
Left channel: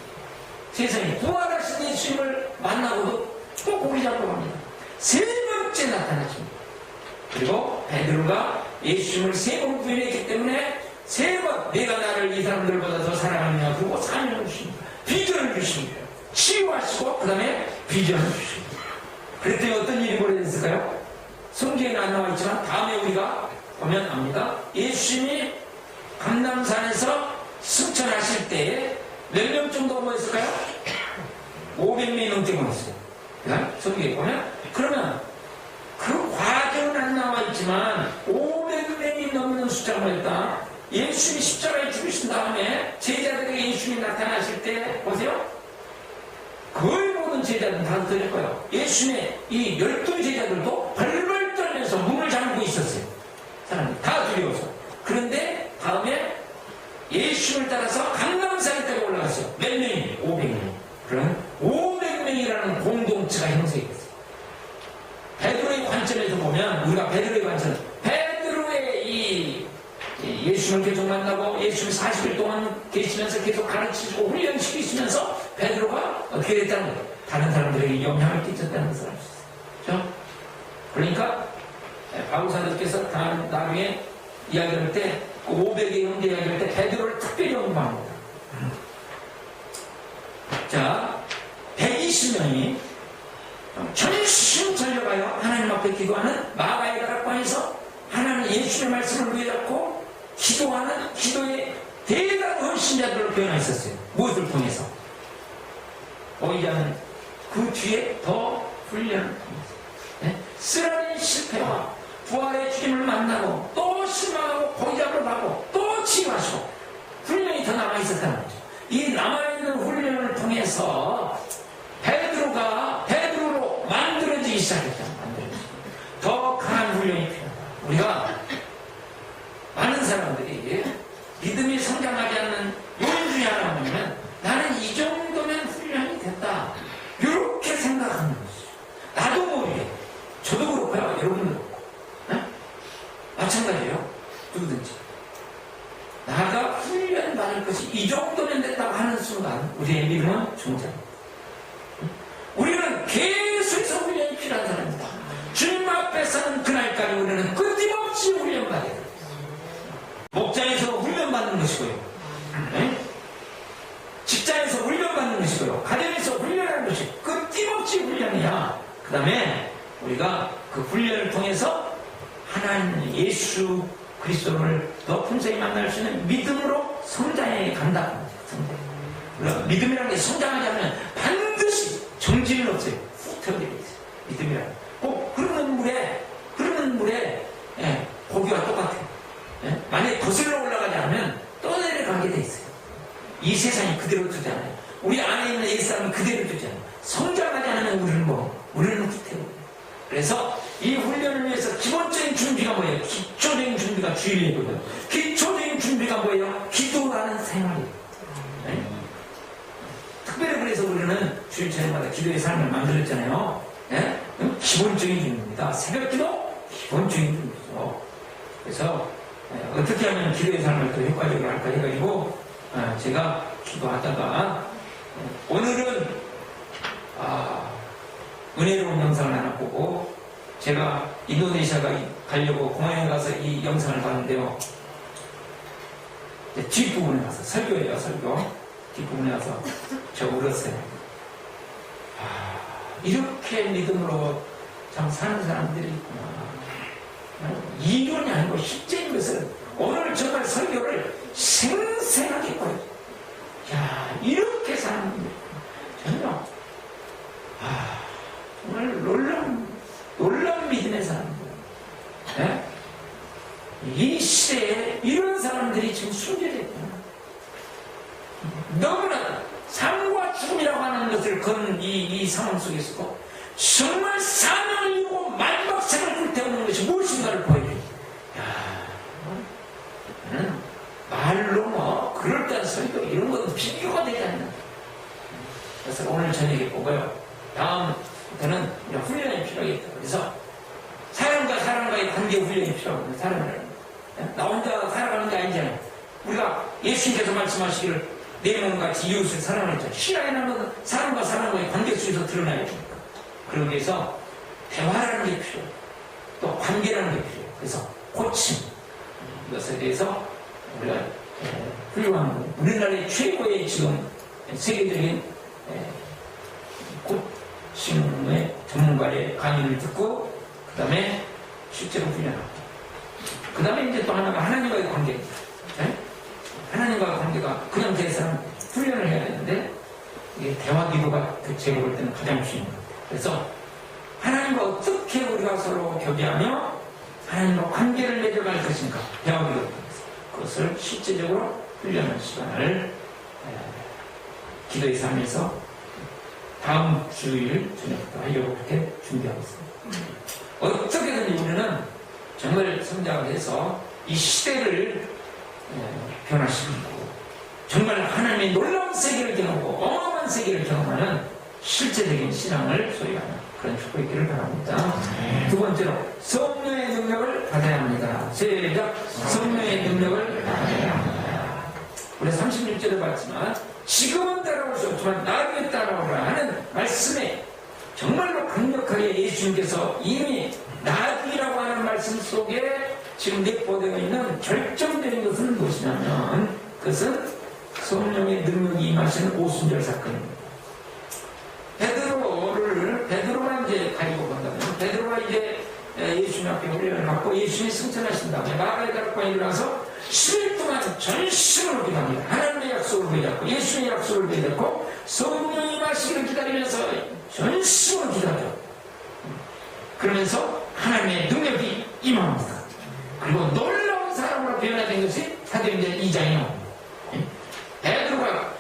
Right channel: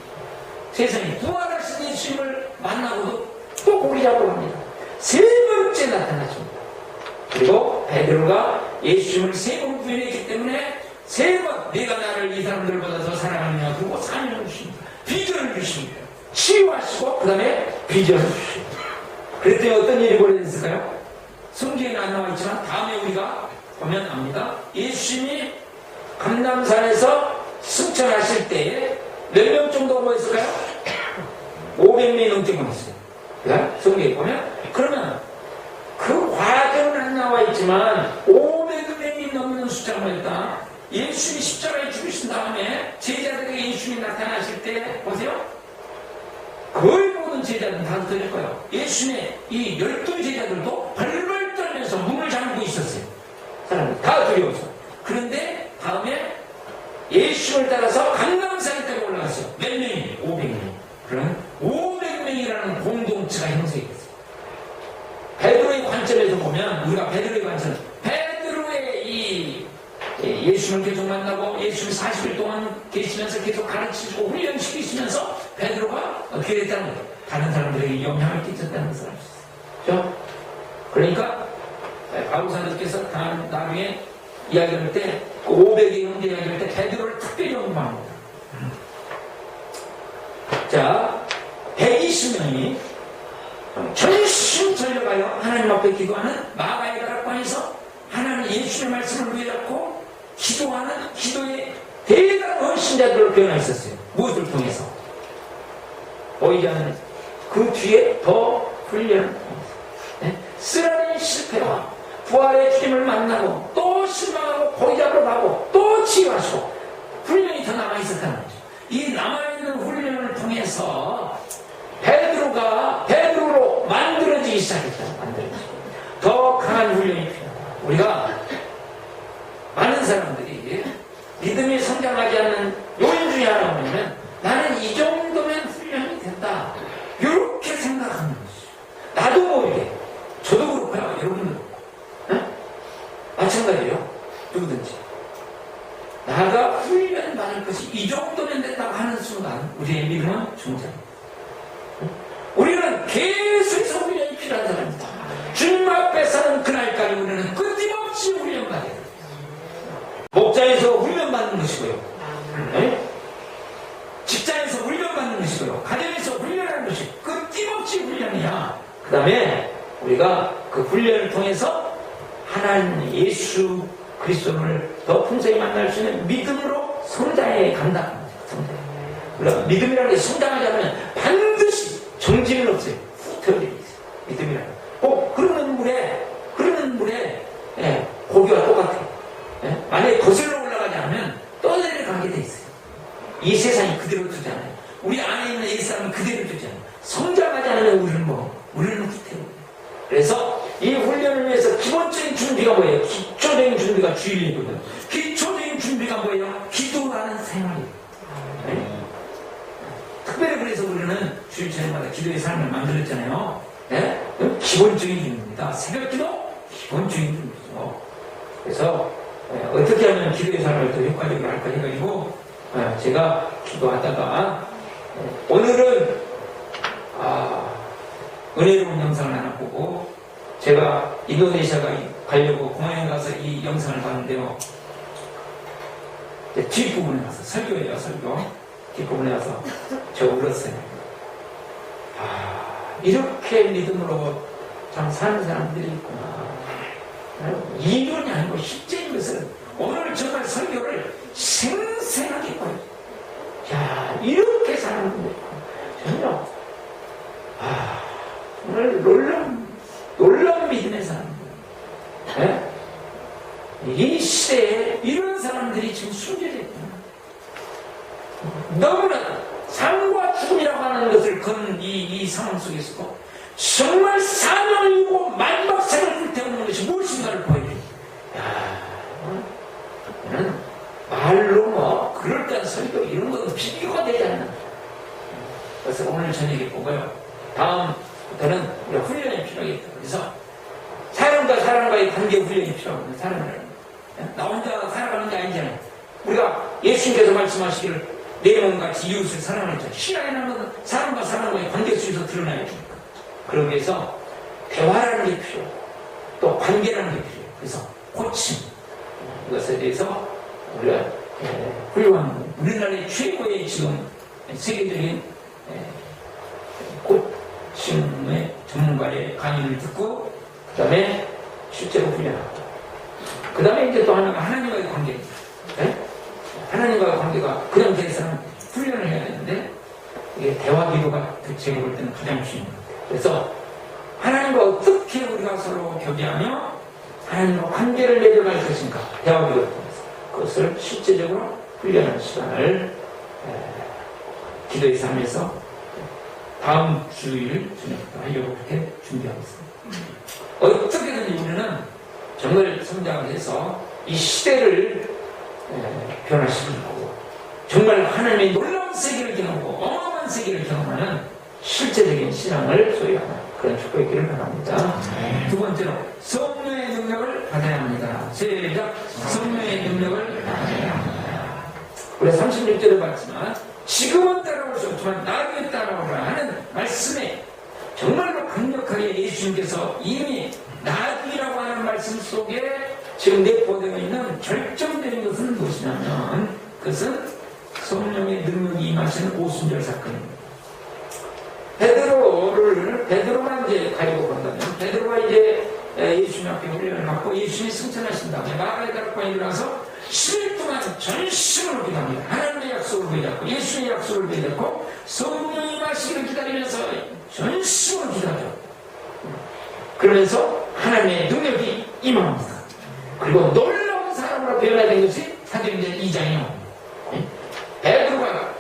세상에 부활하신 예수님을 만나고도 또 고기 잡으러 갑니다. 세 번째 나타났습니다. 그리고 베드로가 예수님을 세 번 부인했기 때문에 세 번 내가 나를 이 사람들보다 더 사랑하느냐 그리고 사명을 주십니다. 비전을 주십니다. 치유하시고 그 다음에 비전을 주십니다. 그랬더니 어떤 일이 벌어졌을까요? 성경에는 안 나와 있지만 다음에 우리가 보면 압니다. 예수님이 감람산에서 승천하실 때 몇 명 정도 모였을까요? 500명이 넘게 모였어요. 성경에 보면. 그러면 그 과정은 안 나와 있지만 500명이 넘는 숫자가 모였다. 예수님이 십자가에 죽으신 다음에 제자들에게 예수님이 나타나실 때 보세요. 거의 모든 제자들은 다 들릴 거예요. 예수님의 이 12제자들도 벌벌 떨면서 문을 잠그고 있었어요. 사람들이 다 두려워서. 그런데 다음에 예수님을 따라서 감람산에 따라 올라갔어요. 몇 명이? 500명. 그럼 500명이라는 공동체가 형성이 됐어요. 베드로의 관점에서 보면 우리가 베드로의 관점, 베드로의 이 예수님을 계속 만나고 예수님 40일 동안 계시면서 계속 가르치시고 훈련시키시면서 베드로가 어떻게 됐다는 거예요? 다른 사람들에게 영향을 끼쳤다는 것을 알 수 있어요. 그렇죠? 그러니까 바울 사도께서 나중에 이야기할 때 그 500의 형제 이야기할 때 베드로를 특별히 언급합니다. 자, 120명이 전심전력하여 하나님 앞에 기도하는 마가의 다락방에서 하나님 예수의 말씀을 위해잡고 기도하는 기도의 대단한 신자들을 변화했었어요. 무엇을 통해서? 보이지 않는 그 뒤에 더 훈련을 통해서. 네? 쓰라린 실패와 부활의 주님을 만나고 또 실망하고 고기 잡으러 가고 또 치유하시고 훈련이 더 남아있었다는 거죠. 이 남아있는 훈련을 통해서 베드로가 베드로로 만들어지기 시작했어요. 더 강한 훈련이 필요합니다. 우리가 많은 사람들이 믿음이 성장하지 않는 요인 중에 하나가 뭐냐면 나는 이 정도면 훈련이 됐다. 이렇게 생각하는 것이죠. 나도 모르게 저도 그렇고요. 여러분도 그렇고 마찬가지예요. 누구든지 나가 훈련 받을 것이 이 정도면 됐다고 하는 순간 우리의 믿음은 성장합니다. 우리는 계속해서 훈련이 필요한 사람입니다. 주님 앞에 사는 그날까지 우리는 끊임없이 훈련받아야 됩니다. 목장에서 훈련받는 것이고요. 직장에서 훈련받는 것이고요. 가정에서 훈련하는 것이 끊임없이 훈련이야. 그 다음에 우리가 그 훈련을 통해서 하나님 예수 그리스도를 더 풍성히 만날 수 있는 믿음으로 성장해 간다. 우리가 믿음이라는 게 성장하지 않으면 반드시 정지는 없어요. 터지고 있어요. 믿음이라는 꼭 흐르는 물에 고기와 똑같아요. 만약에 거슬러 올라가지 않으면 또 내려가게 돼 있어요. 이 세상이 그대로 두지 않아요. 우리 안에 있는 옛사람은 그대로 두지 않아요. 성장하지 않으면 우리는 후퇴해요. 그래서 이 훈련을 위해서 기본적인 준비가 뭐예요? 기초적인 준비가 주일이거든요. 기초적인 준비가 뭐예요? 기도하는 생활이에요. 네? 특별히 그래서 우리는 주일 저녁마다 기도의 삶을 만들었잖아요. 네? 기본적인 준비입니다. 새벽기도 기본적인 준비죠. 그래서 어떻게 하면 기도의 삶을 더 효과적으로 할까 해가지고 제가 기도하다가 오늘은 은혜로운 영상을 하나 보고 제가 인도네시아 가려고 공항에 가서 이 영상을 봤는데요. 뒷부분에 와서 설교예요, 설교. 뒷부분에 와서 저 울었어요. 이렇게 믿음으로 참 사는 사람들이 있구나. 이론이 아니고 실제인 것을 오늘 정말 설교를 생생하게 보여. 야, 이렇게 사는 분들 있구나. 정말 놀라운 믿음의 사람들. 네? 이 시대에 이런 사람들이 지금 순결했구나. 너무나 삶과 죽음이라고 하는 것을 거는 이 상황 속에서도 정말 사명을 이루고 마지막 생을 불태우는 것이 무엇인가를 보여줘요. 말로 뭐 그럴듯한 소리도 이런 건 비교가 되지 않는. 그래서 오늘 저녁에 보고요. 다음부터는 훈련이 필요하겠다. 그래서 사람과의 관계 훈련이 필요하거든요. 사람을. 나 혼자 살아가는 게 아니잖아요. 우리가 예수님께서 말씀하시기를 내 몸같이 이웃을 사랑하자. 신앙이라는 사람과 사람과의 관계 속에서 드러나야 됩니다. 그러기 위해서 대화라는 게 필요해요. 또 관계라는 게 필요해요. 그래서 고침. 이것에 대해서 우리가 훌륭한 우리나라의 최고의 지금 세계적인 고침의 전문가의 강의를 듣고 그 다음에 실제로 훈련하고 그 다음에 이제 또 하나님과의 관계입니다. 네? 하나님과의 관계가 그냥 제 사람 훈련을 해야 되는데 이게 대화 기도가 제가 볼 때는 가장 쉬운 것 같아요. 그래서 하나님과 어떻게 우리가 서로 교제하며 하나님과 관계를 맺어갈 것인가 대화 기도를 통해서 그것을 실제적으로 훈련하는 시간을 기도에서 하면서 다음 주일 저녁부터 하려고 그렇게 준비하고 있습니다. 어떻게든 우리는 정말 성장해서 이 시대를 변화시키고 정말 하나님의 놀라운 세계를 경험하고 어마어마한 세계를 경험하는 실제적인 신앙을 소유하는 그런 축복이 있기를 바랍니다. 두 번째로 성령의 능력을 받아야 합니다. 시작. 성령의 능력을 받아야 합니다. 우리 36절에 봤지만 지금은 따라올 수 없지만 나중에 따라오라 하는 말씀에 정말로 강력하게 예수님께서 이미 나중이라고 하는 말씀 속에 지금 내포되어 있는 결정적인 것은 무엇이냐면 그것은 성령의 능력이 임하시는 오순절 사건입니다. 베드로가 이제 가지고 본다면 베드로가 이제 예수님 앞에 훈련을 받고 예수님이 승천하신 다음에 마가의 다락방에 일어나서 10일 동안 전심으로 기도합니다. 하나님의 약속을 부여잡고 예수님의 약속을 부여잡고 성령이 임하시기를 기다리면서 전심으로 기도하죠. 그러면서 하나님의 능력이 임합니다. 그리고 놀라운 사람으로 변화된 것이 사도행전 2장이요. 베드로가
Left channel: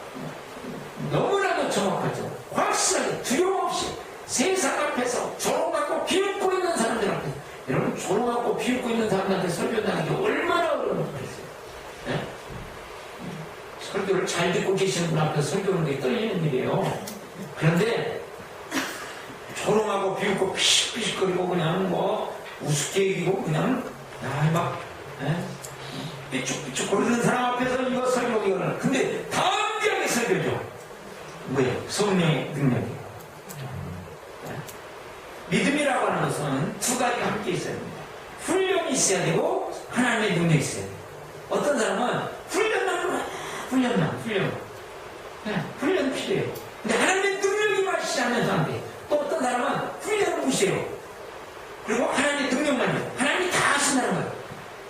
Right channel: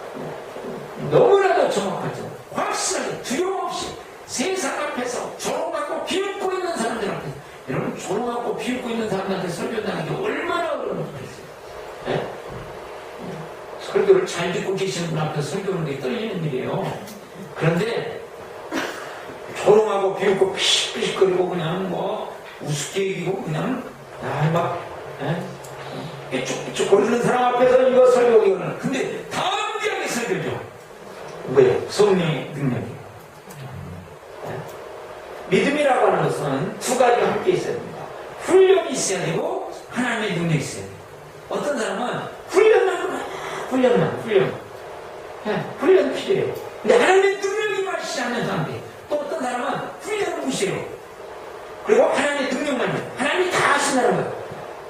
너무나도 정확하죠. 확실하게 두려움 없이 세상 앞에서 조롱하고 비웃고 있는 사람들 앞에 여러분 조롱하고 비웃고 있는 사람들한테 설교하는 게 얼마나 어려운 거겠어요. 설교를 잘 듣고 계시는 분 앞에 설교하는 게 떨리는 일이에요. 그런데 조롱하고 비웃고 피식피식거리고 그냥 뭐 우습게 얘기고 그냥 막 삐죽삐죽 거리는 사람 앞에서 이거 설교하기는 근데 담대하게 설교죠. 왜? 성령의 능력이에요. 믿음이라고 하는 것은 두 가지가 함께 있어야 됩니다. 훈련이 있어야 되고 하나님의 능력이 있어야 돼요. 어떤 사람은 훈련만 훈련 필요해요. 근데 하나님의 능력이 마시지 않는 안 돼. 또 어떤 사람은 훈련을 무시해요. 그리고 하나님의 능력만이죠. 하나님이 다 하신다는 거예요.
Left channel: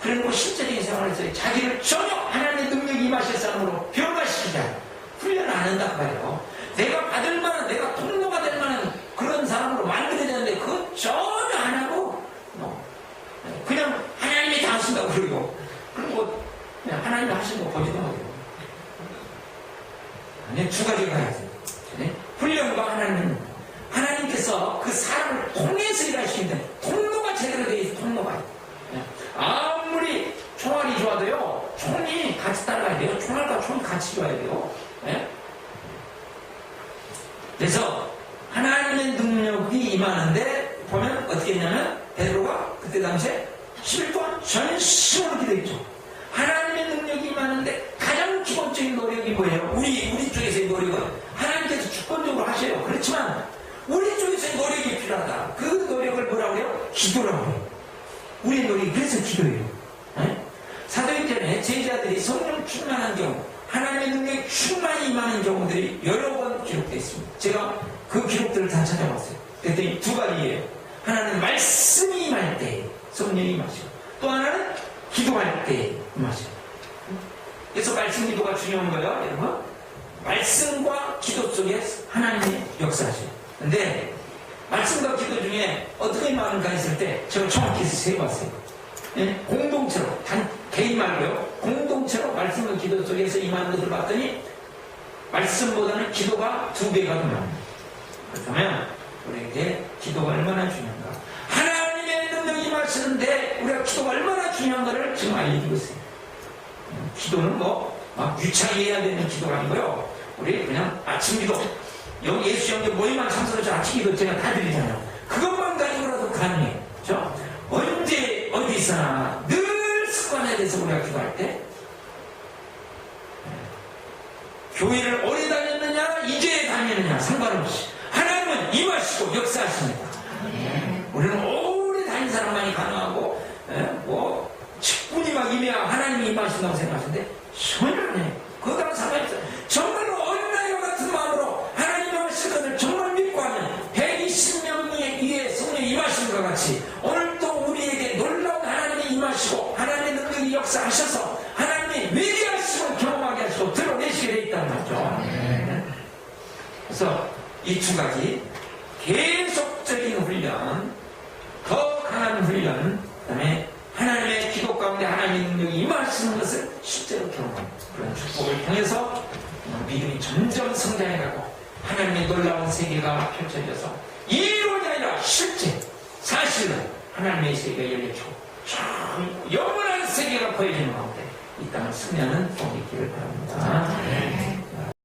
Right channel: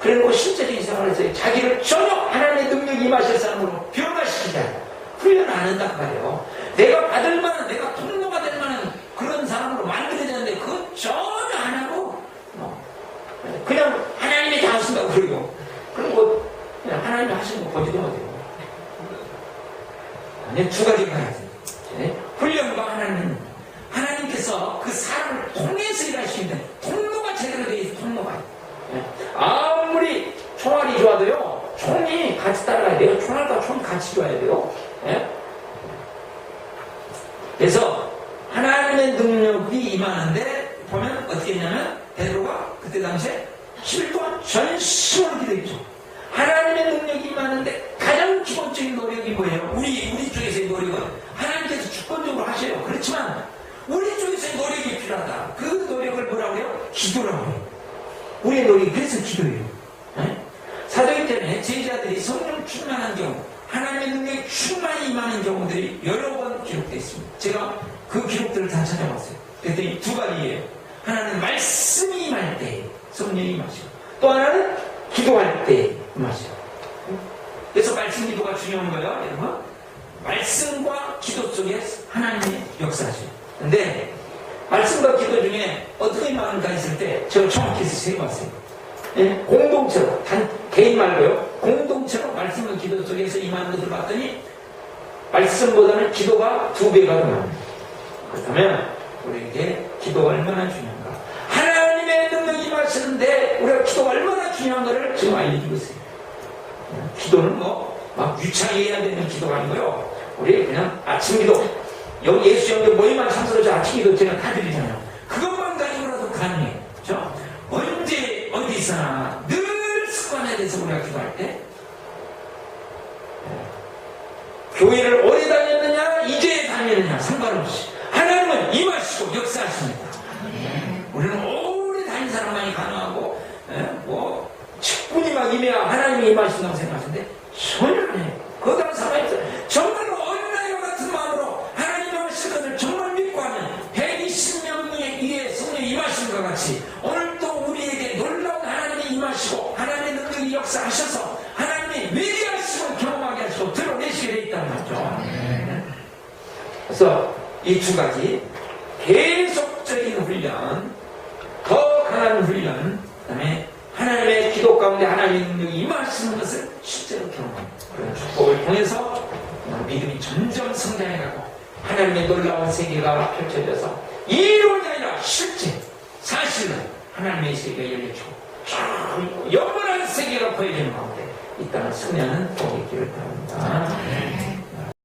그래놓고 실제적인 생활에서 자기를 전혀 하나님의 능력이 임하실 사람으로 변화시키지 않아요. 훈련을 안 한다고 말이에요. 내가 받을 만한, 내가 통로가 될 만한 그런 사람으로 만들어야 되는데 그건 전혀 안 하고 그냥 하나님이 다 하신다고 그러고 그리고 그냥 하나님이 하신 거 보지도 못해요. 아니 두 가지가 해야 돼요. 훈련과 하나님께서 그 사람을 통해서 일하시는데 통로가 제대로 되어 있어요. 통로가. 아무리 총알이 좋아도요. 총이 같이 따라가야 돼요. 총알과 총이 같이 좋아야 돼요. 그래서 하나님의 능력이 임하는데 보면 어떻게 했냐면 베드로가 그때 당시에 10일 동안 전심으로 기도했죠. 하나님의 능력이 임하는데 가장 기본적인 노력이 뭐예요? 우리 쪽에서의 노력은 하나님께서 주권적으로 하셔요. 그렇지만 우리 쪽에서의 노력이 필요하다. 그 노력을 뭐라고 해요? 기도라고 해요. 우리의 노력이 그래서 기도예요. 사도행전 사도행전에 제자들이 성령 충만한 경우, 하나님의 능력이 충만히 임하는 경우들이 여러 번 기록되어 있습니다. 제가 그 기록들을 다 찾아봤어요. 그랬더니 두 가지예요. 하나는 말씀이 임할 때 성령이 임하시고, 또 하나는 기도할 때 임하시고. 그래서 말씀 기도가 중요한 거예요, 여러분. 말씀과 기도 속에 하나님의 역사죠. 근데 말씀과 기도 중에 어떻게 임하는가 했을 때 제가 정확히 세봤어요. 예? 공동체로, 개인 말고요. 공동체로 말씀과 기도 속에서 임하는 것을 봤더니 말씀보다는 기도가 2배가 더 많아요. 그렇다면 우리 이제 기도가 얼마나 중요한가. 하나님의 능력이 임하시는데 우리가 기도가 얼마나 중요한가를 지금 알려주고 있어요. 기도는 막 유창히 해야 되는 기도가 아니고요. 우리 그냥 아침 기도, 여기 예수 형제 모임만 참석해서 아침 기도 제가 다 드리잖아요. 그것만 가지고라도 가능해요. 그렇죠? 언제 어디서나 늘 습관에 대해서 우리가 기도할 때, 교회를 오래 다녔느냐 이제 다녔느냐 상관없이 하나님은 임하시고 역사하십니다. 우리는 오래 다닌 사람만이 가능하고 직분이 막 임해야 하나님이 임하신다고 생각하는데 전혀 안 해요. 그것과는 상관없어요. 정말로 어린아이와 같은 마음으로 하나님 임하실 것을 정말 믿고 하면 120명 위에 성령이 임하신 것 같이 오늘 또 우리에게 놀라운 하나님이 임하시고 하나님의 능력이 역사하셔서 하나님이 위대하심을 경험하게 하시고 드러내시게 되어 있다는 말이죠. 그래서 이 두 가지 계속적인 훈련, 더 강한 훈련, 그 다음에 하나님의 기도 가운데 하나님의 능력이 임하시는 것을 실제로 경험합니다. 그런 축복을 통해서 믿음이 점점 성장해가고 하나님의 놀라운 세계가 펼쳐져서 이론이 아니라 실제 사실은 하나님의 세계가 열려지고 영원한 세계가 보여지는 가운데 이 땅을 승리하는 복이 있기를 바랍니다.